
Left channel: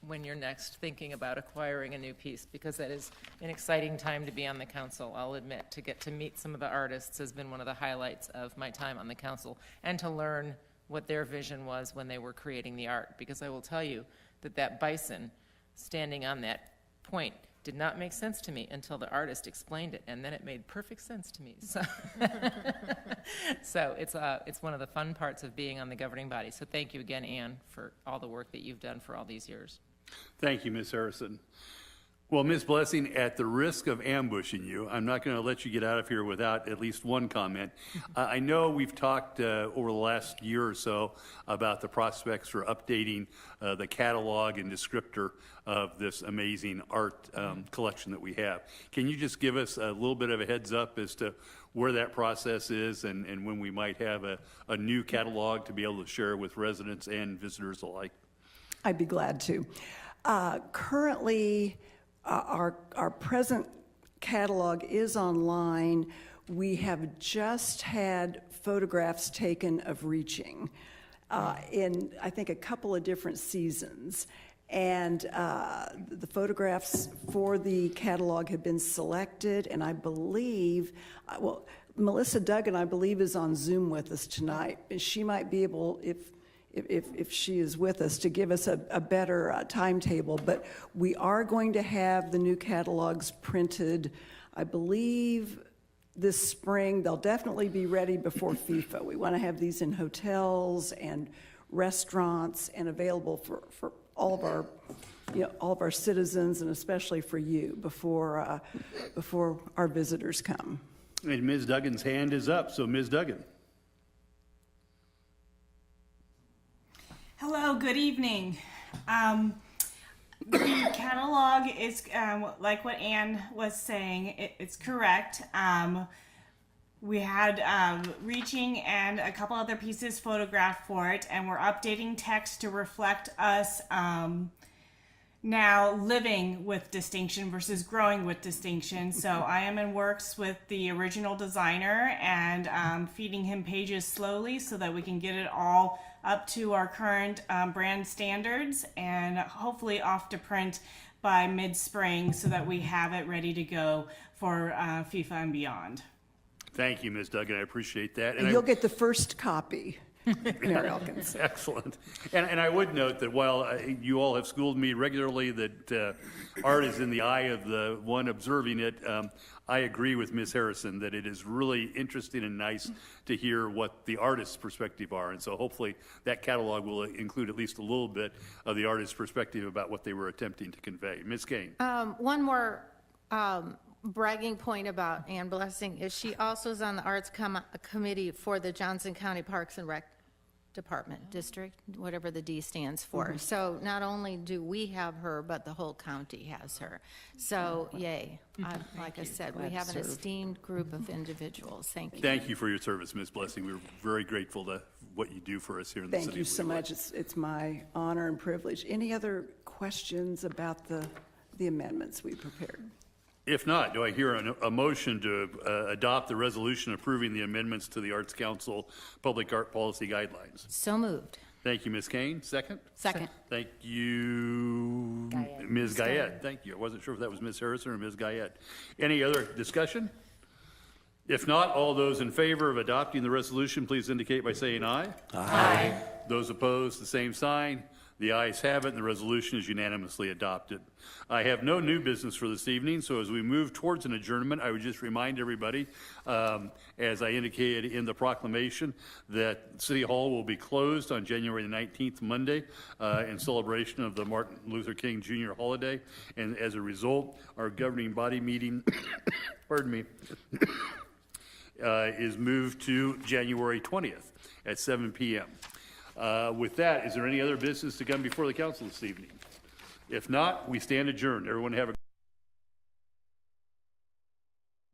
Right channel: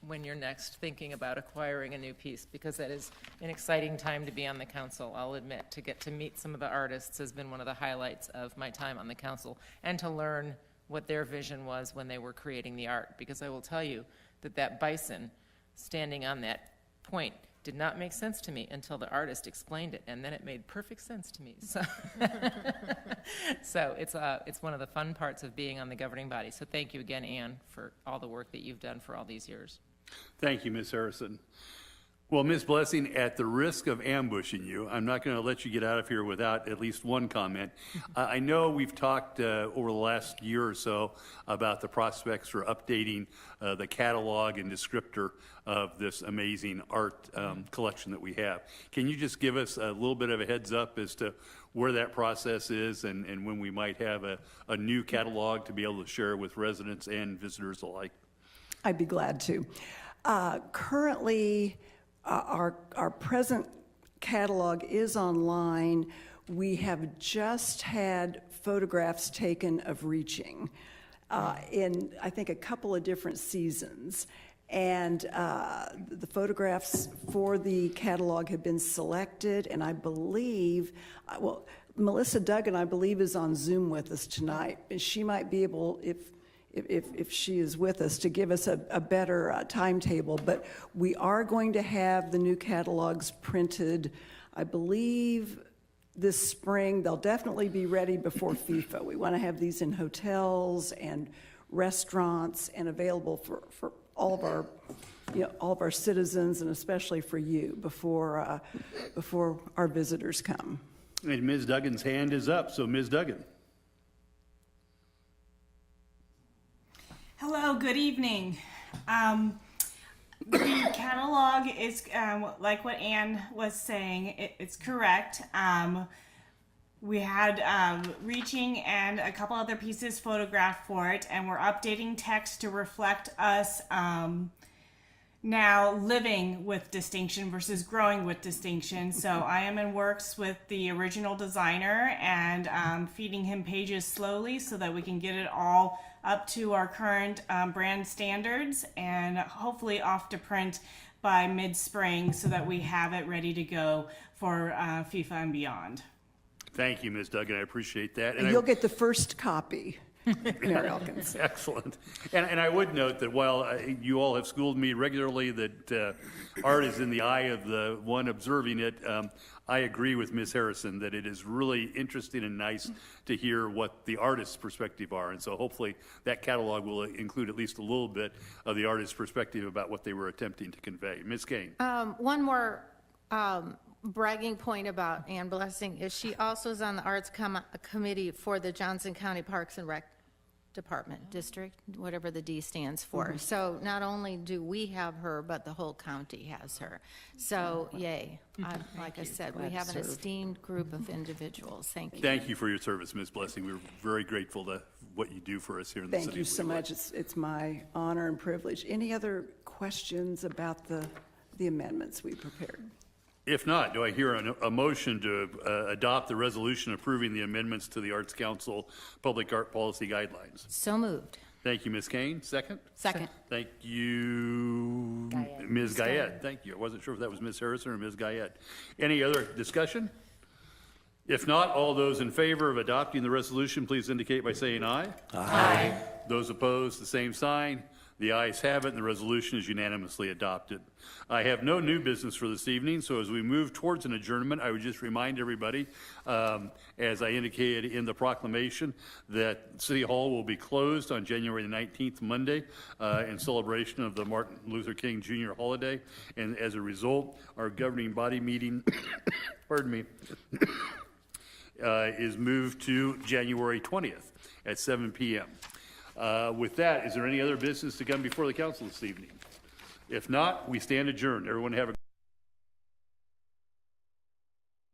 when you're next thinking about acquiring a new piece, because that is an exciting time to be on the council. I'll admit, to get to meet some of the artists has been one of the highlights of my time on the council, and to learn what their vision was when they were creating the art. Because I will tell you that bison standing on that point did not make sense to me until the artist explained it, and then it made perfect sense to me. So, so it's one of the fun parts of being on the governing body. So thank you again, Ann, for all the work that you've done for all these years. Thank you, Ms. Harrison. Well, Ms. Blessing, at the risk of ambushing you, I'm not going to let you get out of here without at least one comment. I know we've talked over the last year or so about the prospects for updating the catalog and descriptor of this amazing art collection that we have. Can you just give us a little bit of a heads up as to where that process is and when we might have a new catalog to be able to share with residents and visitors alike? I'd be glad to. Currently, our present catalog is online. We have just had photographs taken of Reaching in, I think, a couple of different seasons. And the photographs for the catalog have been selected, and I believe, well, Melissa Duggan, I believe, is on Zoom with us tonight. And she might be able, if she is with us, to give us a better timetable. But we are going to have the new catalogs printed, I believe, this spring. They'll definitely be ready before FIFA. We want to have these in hotels and restaurants and available for all of our, all of our citizens, and especially for you before our visitors come. And Ms. Duggan's hand is up. So, Ms. Duggan. Hello, good evening. The catalog is, like what Ann was saying, it's correct. We had Reaching and a couple other pieces photographed for it, and we're updating text to reflect us now living with distinction versus growing with distinction. So I am in works with the original designer and feeding him pages slowly so that we can get it all up to our current brand standards and hopefully off to print by mid-spring so that we have it ready to go for FIFA and beyond. Thank you, Ms. Duggan. I appreciate that. And you'll get the first copy, Mayor Elkins. Excellent. And I would note that while you all have schooled me regularly that art is in the eye of the one observing it, I agree with Ms. Harrison that it is really interesting and nice to hear what the artist's perspective are. And so hopefully that catalog will include at least a little bit of the artist's perspective about what they were attempting to convey. Ms. Kane. One more bragging point about Ann Blessing is she also is on the Arts Committee for the Johnson County Parks and Rec Department, district, whatever the D stands for. Mm-hmm. So not only do we have her, but the whole county has her. So yay. Like I said, we have an esteemed group of individuals. Thank you. Thank you for your service, Ms. Blessing. We're very grateful to what you do for us here in the city. Thank you so much. It's my honor and privilege. Any other questions about the amendments we prepared? If not, do I hear a motion to adopt the resolution approving the amendments to the Arts Council Public Art Policy Guidelines? So moved. Thank you, Ms. Kane. Second? Second. Thank you, Ms. Guyette. Thank you. I wasn't sure if that was Ms. Harrison or Ms. Guyette. Any other discussion? If not, all those in favor of adopting the resolution, please indicate by saying aye. Aye. Those opposed, the same sign. The ayes have it, and the resolution is unanimously adopted. I have no new business for this evening, so as we move towards an adjournment, I would just remind everybody, as I indicated in the proclamation, that City Hall will be closed on January the 19th, Monday, in celebration of the Martin Luther King Jr. holiday. And as a result, our governing body meeting, pardon me, is moved to January 20th at 7 p.m. With that, is there any other business to come before the council this evening? If not, we stand adjourned. Everyone have a